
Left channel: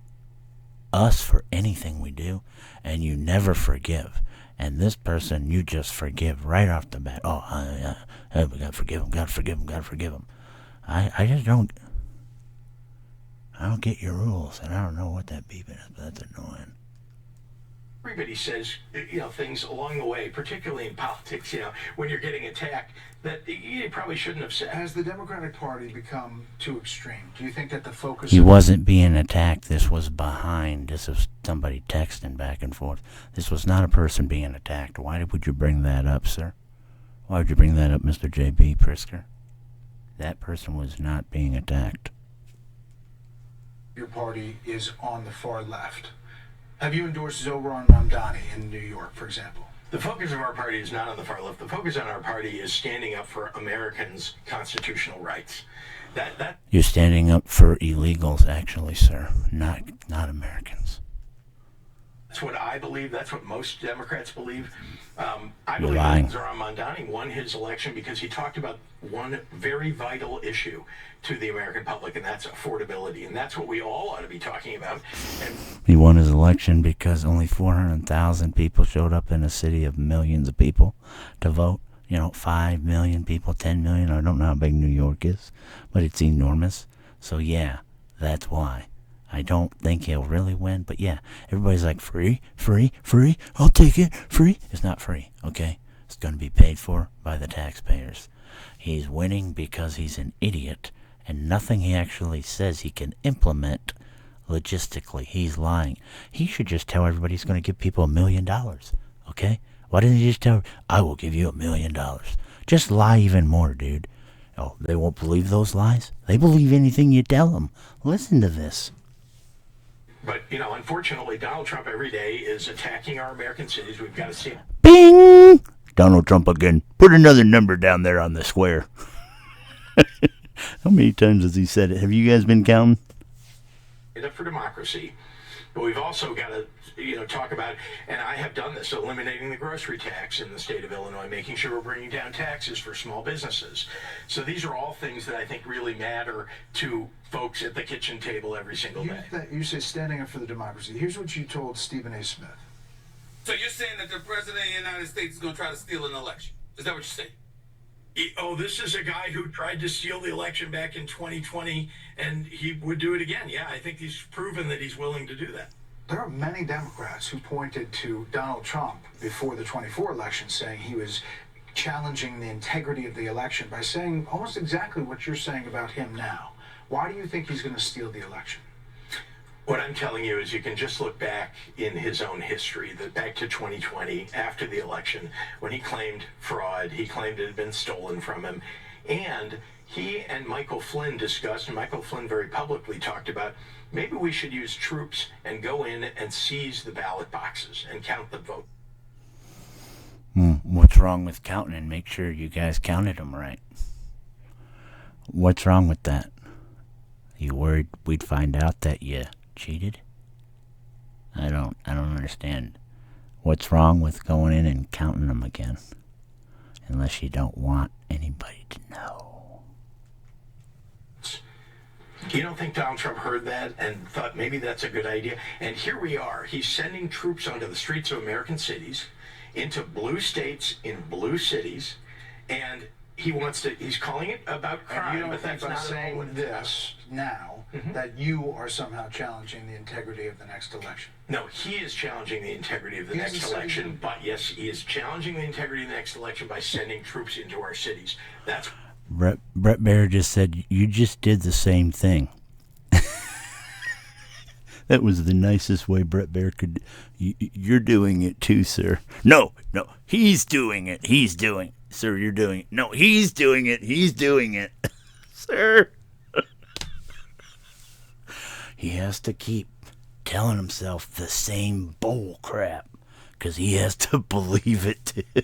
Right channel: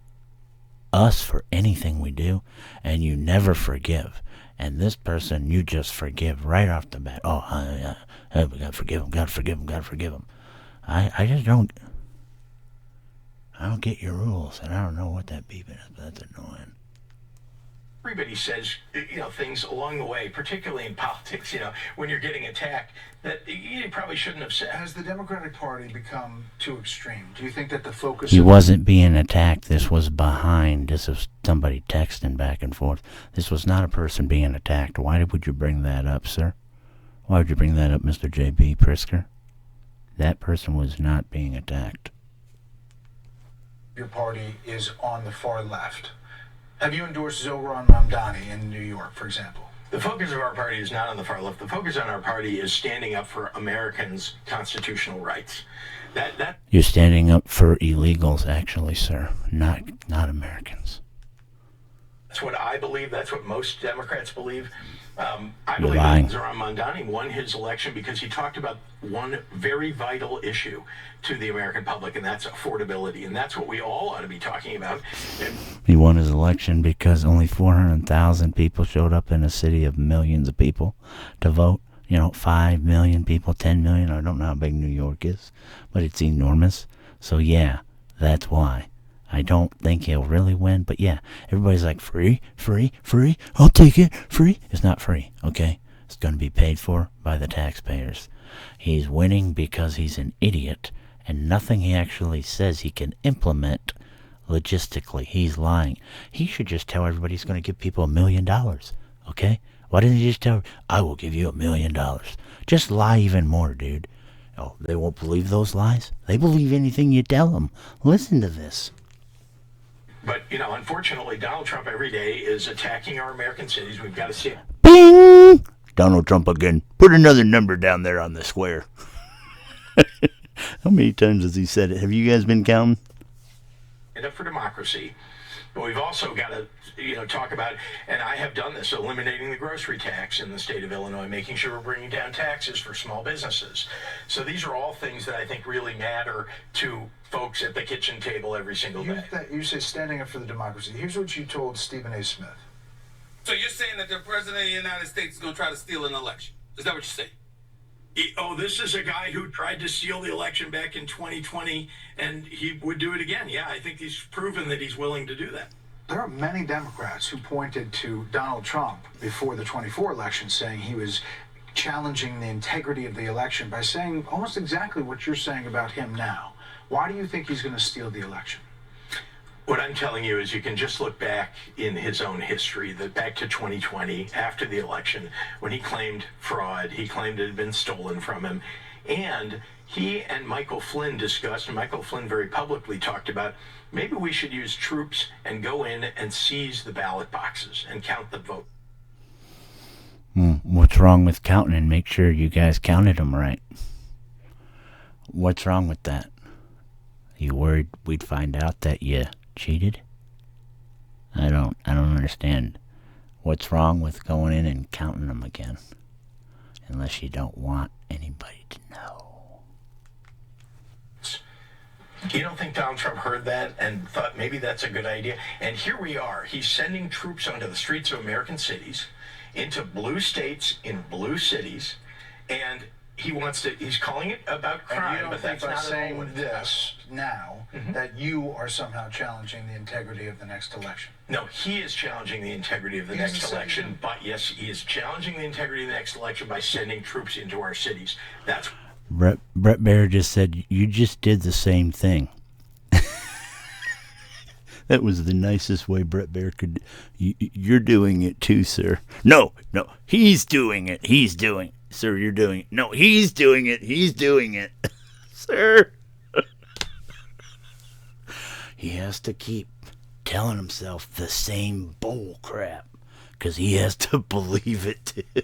us for anything we do, and you never forgive. And this person, you just forgive right off the bat. Oh, we gotta forgive him, gotta forgive him, gotta forgive him. I just don't. I don't get your rules, and I don't know what that beeping is, but that's annoying. Everybody says, things along the way, particularly in politics, when you're getting attacked, that you probably shouldn't have said. Has the Democratic Party become too extreme? Do you think that the focus... He wasn't being attacked. This was behind. This was somebody texting back and forth. This was not a person being attacked. Why would you bring that up, sir? Why would you bring that up, Mr. J.B. Pritzker? That person was not being attacked. Your party is on the far left. Have you endorsed Zohran Mamdani in New York, for example? The focus of our party is not on the far left. The focus on our party is standing up for Americans' constitutional rights. You're standing up for illegals, actually, sir, not Americans. That's what I believe. That's what most Democrats believe. I You're believe lying. Zohran Mamdani won his election because he talked about one very vital issue to the American public, and that's affordability. And that's what we all ought to be talking about. He won his election because only 400,000 people showed up in a city of millions of people to vote. 5 million people, 10 million. I don't know how big New York is, but it's enormous. So, yeah, that's why. I don't think he'll really win, but yeah, everybody's like, free, I'll take it, free. It's not free, okay? It's going to be paid for by the taxpayers. He's winning because he's an idiot, and nothing he actually says he can implement logistically. He's lying. He should just tell everybody he's going to give people $1 million, okay? Why didn't he just tell, I will give you $1 million? Just lie even more, dude. Oh, they won't believe those lies? They believe anything you tell them. Listen to this. But, unfortunately, Donald Trump every day is attacking our American cities. We've got to see it. Bing! Donald Trump again. Put another number down there on the square. How many times has he said it? Have you guys been counting? Up for democracy. But we've also got to, talk about, and I have done this, eliminating the grocery tax in the state of Illinois, making sure we're bringing down taxes for small businesses. So these are all things that I think really matter to folks at the kitchen table every single day. You say standing up for the democracy. Here's what you told Stephen A. Smith. So you're saying that the president of the United States is going to try to steal an election? Is that what you're saying? This is a guy who tried to steal the election back in 2020, and he would do it again. Yeah, I think he's proven that he's willing to do that. There are many Democrats who pointed to Donald Trump before the 24 election, saying he was challenging the integrity of the election by saying almost exactly what you're saying about him now. Why do you think he's going to steal the election? What I'm telling you is you can just look back in his own history, that back to 2020, after the election, when he claimed fraud, he claimed it had been stolen from him. And he and Michael Flynn discussed, and Michael Flynn very publicly talked about, maybe we should use troops and go in and seize the ballot boxes and count the vote. What's wrong with counting and make sure you guys counted them right? What's wrong with that? You worried we'd find out that you cheated? I don't understand. What's wrong with going in and counting them again? Unless you don't want anybody to know. You don't think Donald Trump heard that and thought maybe that's a good idea? And here we are. He's sending troops onto the streets of American cities, into blue states in blue cities, and he's calling it about crime, but that's not saying this now that you are somehow challenging the integrity of the next election. No, he is challenging the integrity of the next election, but yes, he is challenging the integrity of the next election by sending troops into our cities. That's Brett Baer just said, you just did the same thing. That was the nicest way Brett Baer could. You're doing it too, sir. No, he's doing it. He's doing it. Sir, you're doing it. No, he's doing it. He's doing it. Sir. He has to keep telling himself the same bull crap because he has to believe it too.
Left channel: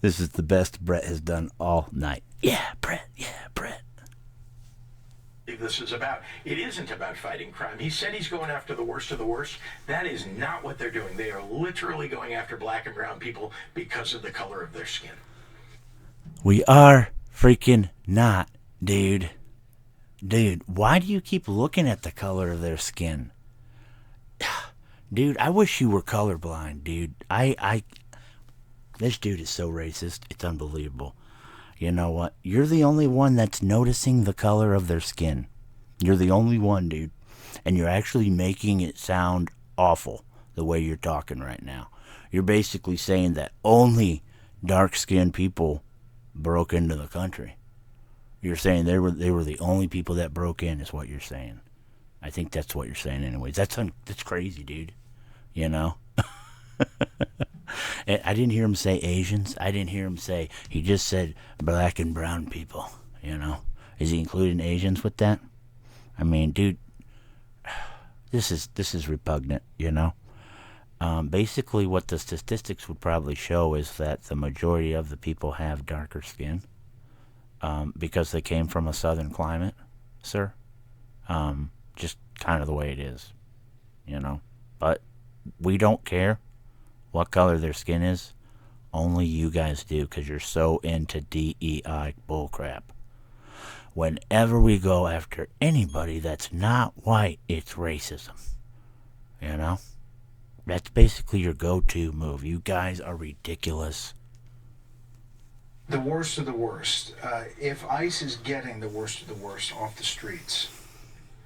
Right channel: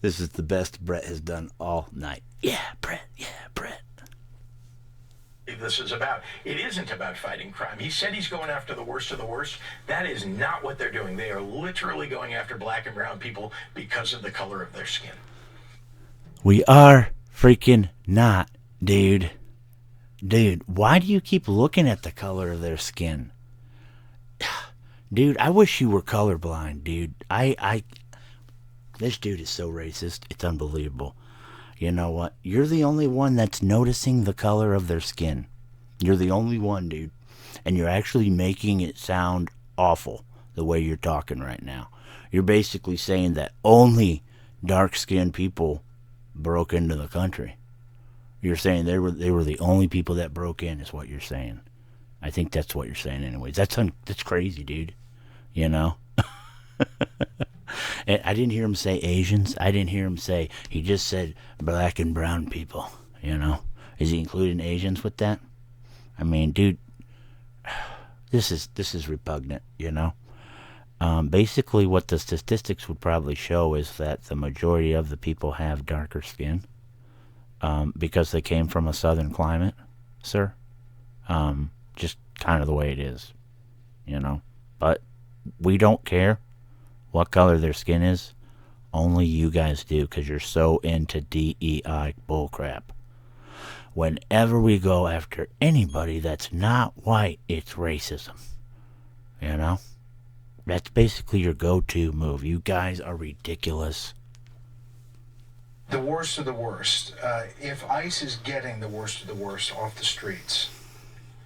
This is the best Brett has done all night. Yeah, Brett. believe this is about. It isn't about fighting crime. He said he's going after the worst of the worst. That is not what they're doing. They are literally going after black and brown people because of the color of their skin. We are freaking not, dude. Dude, why do you keep looking at the color of their skin? Dude, I wish you were colorblind, dude. This dude is so racist. It's unbelievable. You know what? You're the only one that's noticing the color of their skin. You're the only one, dude. And you're actually making it sound awful the way you're talking right now. You're basically saying that only dark-skinned people broke into the country. You're saying they were the only people that broke in is what you're saying. I think that's what you're saying anyways. That's crazy, dude. You know? And I didn't hear him say Asians. I didn't hear him say, he just said black and brown people, you know? Is he including Asians with that? I mean, dude, this is repugnant, you know? Basically what the statistics would probably show is that the majority of the people have darker skin because they came from a southern climate, sir. Just kind of the way it is, you know? But we don't care what color their skin is. Only you guys do, because you're so into DEI bullcrap. Whenever we go after anybody that's not white, it's racism. You know? That's basically your go-to move. You guys are ridiculous. The worst of the worst. If ICE is getting the worst of the worst off the streets,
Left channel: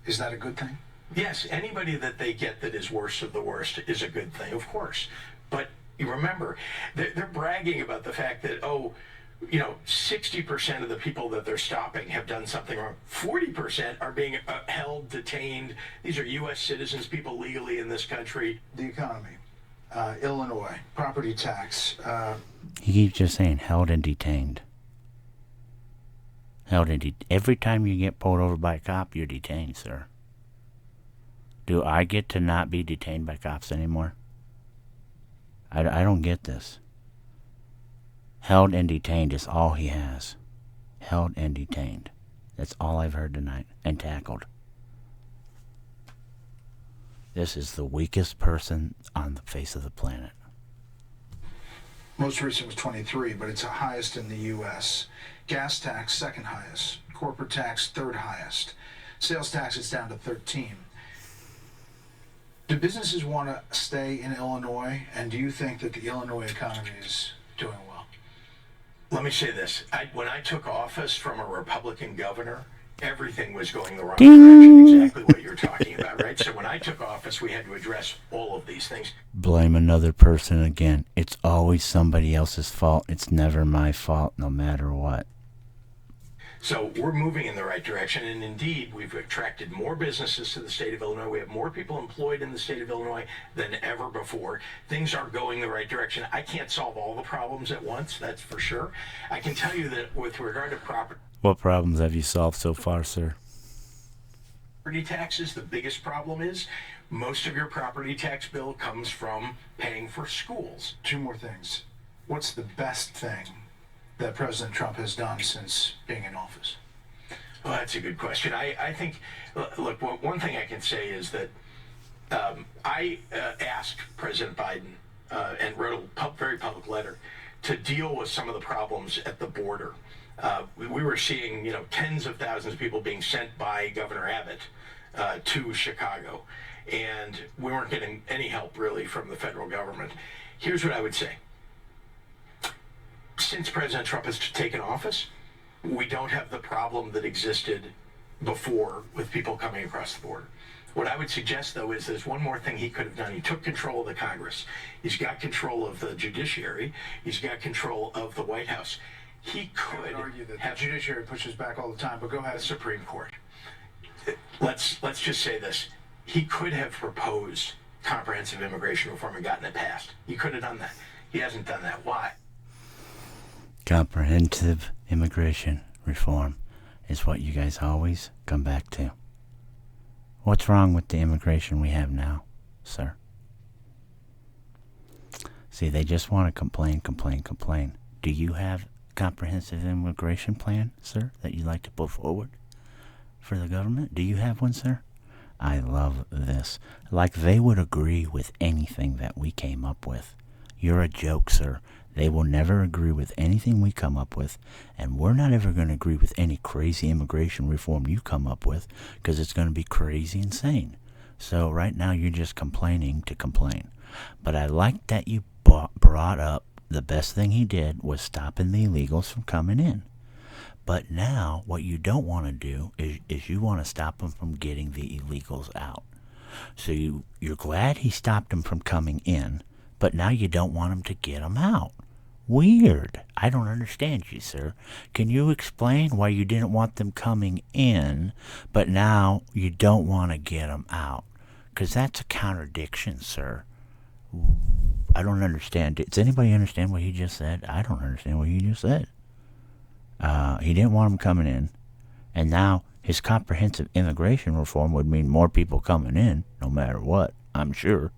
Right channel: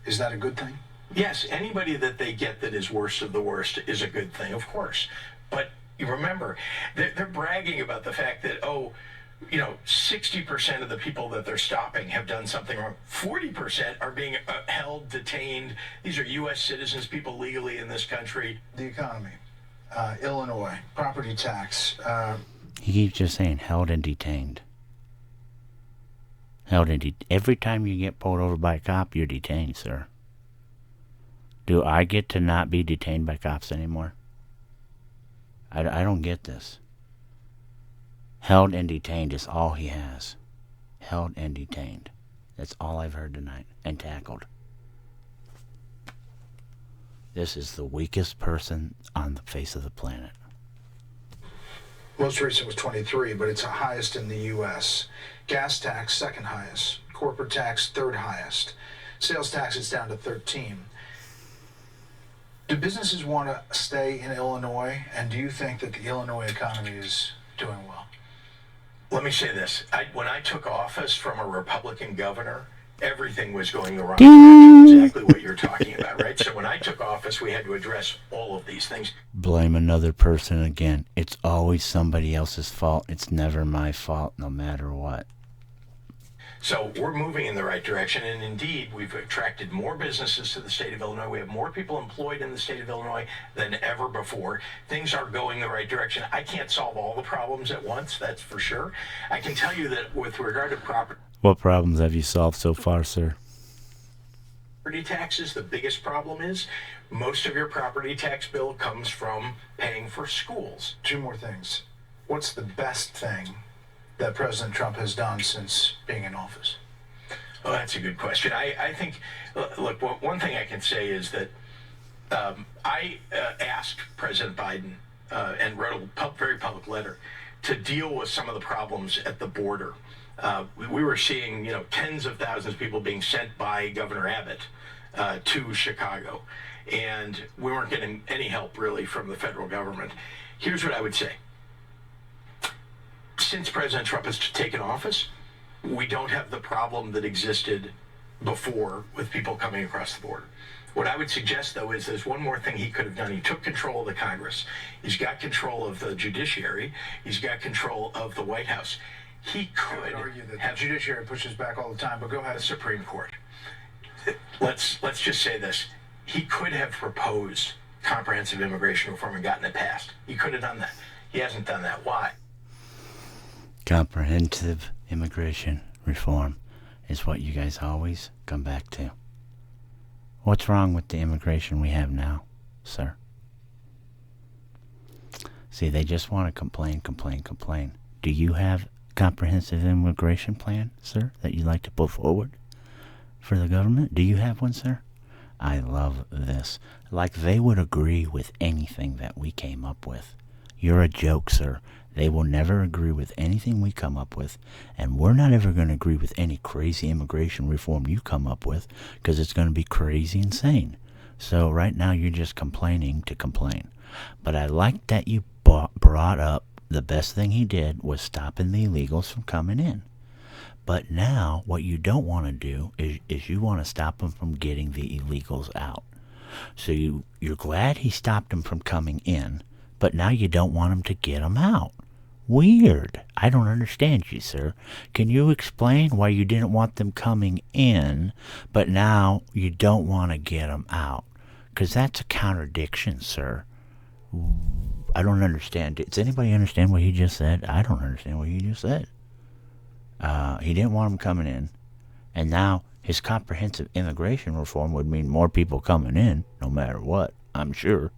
is that a good thing? Yes, anybody that they get that is worst of the worst is a good thing, of course. But you remember, they're bragging about the fact that, 60% of the people that they're stopping have done something wrong. 40% are being held, detained. These are U.S. citizens, people legally in this country. The economy, Illinois, property tax. He keeps just saying held and detained. Every time you get pulled over by a cop, you're detained, sir. Do I get to not be detained by cops anymore? I don't get this. Held and detained is all he has. Held and detained. That's all I've heard tonight. And tackled. This is the weakest person on the face of the planet. Most recent was 23, but it's the highest in the U.S. Gas tax, second highest. Corporate tax, third highest. Sales tax is down to 13. Do businesses want to stay in Illinois, and do you think that the Illinois economy is doing well? Let me say this. When I took office from a Republican governor, everything was going the wrong direction, exactly what you're talking about, right? So when I took office, we had to address all of these things. Blame another person again. It's always somebody else's fault. It's never my fault, no matter what. So we're moving in the right direction, and indeed, we've attracted more businesses to the state of Illinois. We have more people employed in the state of Illinois than ever before. Things are going the right direction. I can't solve all the problems at once, that's for sure. I can tell you that with regard to property... What problems have you solved so far, sir? Property taxes, the biggest problem is most of your property tax bill comes from paying for schools. Two more things. What's the best thing that President Trump has done since being in office? Well, that's a good question. I think, look, one thing I can say is that I asked President Biden and wrote a very public letter to deal with some of the problems at the border. We were seeing, tens of thousands of people being sent by Governor Abbott to Chicago, and we weren't getting any help really from the federal government. Here's what I would say. Since President Trump has taken office, we don't have the problem that existed before with people coming across the border. What I would suggest, though, is there's one more thing he could have done. He took control of the Congress. He's got control of the judiciary. He's got control of the White House. He could argue that the judiciary pushes back all the time, but go ahead. The Supreme Court. Let's just say this. He could have proposed comprehensive immigration reform and gotten it passed. He could have done that. He hasn't done that. Why? Comprehensive immigration reform is what you guys always come back to. What's wrong with the immigration we have now, sir? See, they just want to complain. Do you have a comprehensive immigration plan, sir, that you'd like to put forward? for the government? Do you have one, sir? I love this. Like they would agree with anything that we came up with. You're a joke, sir. They will never agree with anything we come up with, and we're not ever going to agree with any crazy immigration reform you come up with, because it's going to be crazy insane. So right now you're just complaining to complain. But I like that you brought up the best thing he did was stopping the illegals from coming in. But now what you don't want to do is you want to stop them from getting the illegals out. So you're glad he stopped them from coming in, but now you don't want him to get them out. Weird. I don't understand you, sir. Can you explain why you didn't want them coming in, but now you don't want to get them out? Because that's a contradiction, sir. I don't understand. Does anybody understand what he just said? I don't understand what he just said. He didn't want them coming in, and now his comprehensive immigration reform would mean more people coming in, no matter what, I'm sure.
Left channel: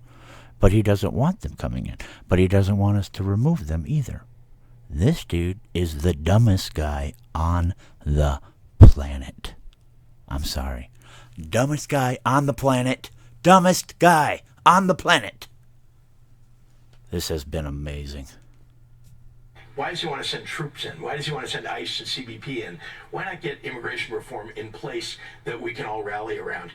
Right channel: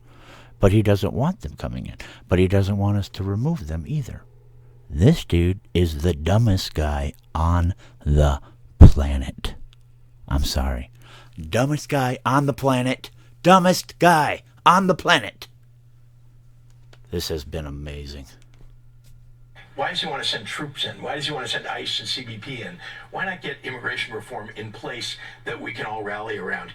But he doesn't want them coming in. But he doesn't want us to remove them either. This dude is the dumbest guy on the planet. I'm sorry. Dumbest guy on the planet. Dumbest guy on the planet. This has been amazing. Why does he want to send troops in? Why does he want to send ICE and CBP in? Why not get immigration reform in place that we can all rally around?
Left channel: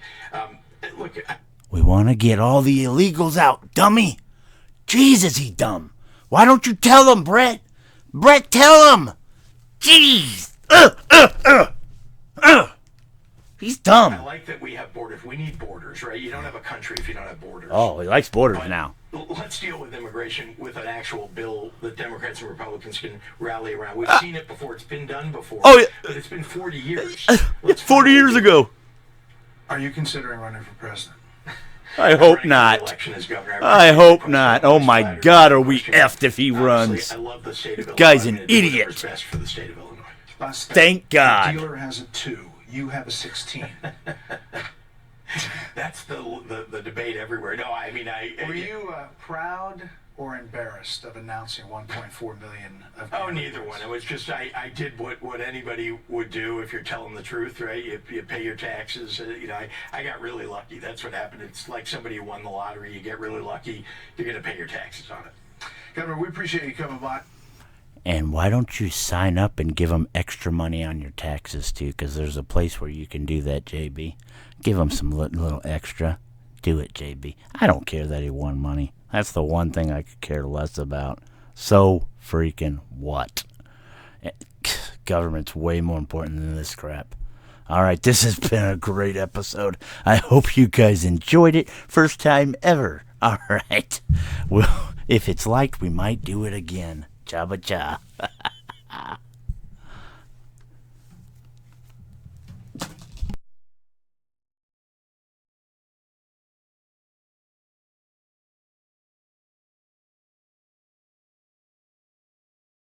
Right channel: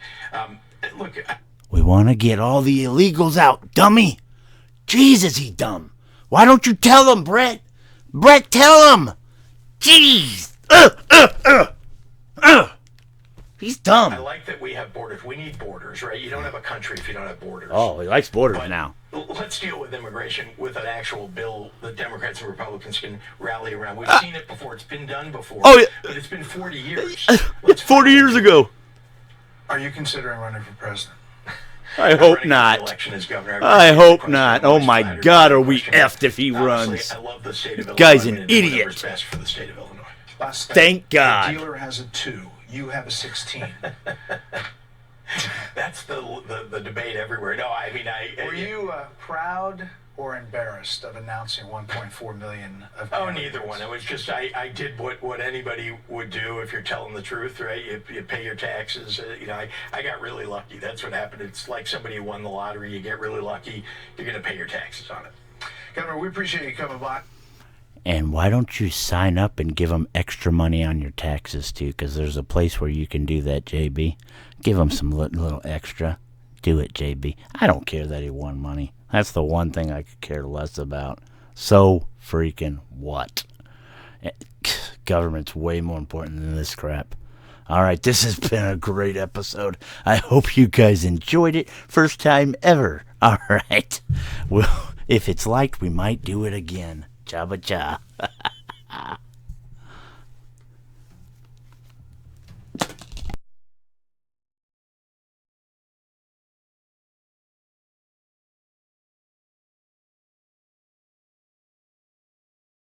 Look, we want to get all the illegals out, dummy. Jesus, he's dumb. Why don't you tell him, Brett? Brett, tell him. Jeez. He's dumb. I like that we have borders. We need borders, right? You don't have a country if you don't have borders. Oh, he likes borders But now. Let's deal with immigration with an actual bill that Democrats and Republicans can rally around. We've seen it before. It's been done before. Oh, yeah. It's been 40 years. 40 years ago. Are you considering running for president? I hope not. I hope not. Oh my God, are we effed if he runs? I love the state of Illinois. Guy's an idiot. Best for the state of Illinois. Thank God. The dealer has a 2. You have a 16. That's the debate everywhere. No, I mean, Were you proud or embarrassed of announcing 1.4 million of Oh, neither one. It was just I did what anybody would do if you're telling the truth, right? You pay your taxes. I got really lucky. That's what happened. It's like somebody who won the lottery. You get really lucky. You're going to pay your taxes on it. Governor, we appreciate you coming by. And why don't you sign up and give them extra money on your taxes, too? Because there's a place where you can do that, JB. Give them some little extra. Do it, JB. I don't care that he won money. That's the one thing I could care less about. So freaking what? Government's way more important than this crap. All right, this has been a great episode. I hope you guys enjoyed it. First time ever. All right. Well, if it's liked, we might do it again. Jabba ja.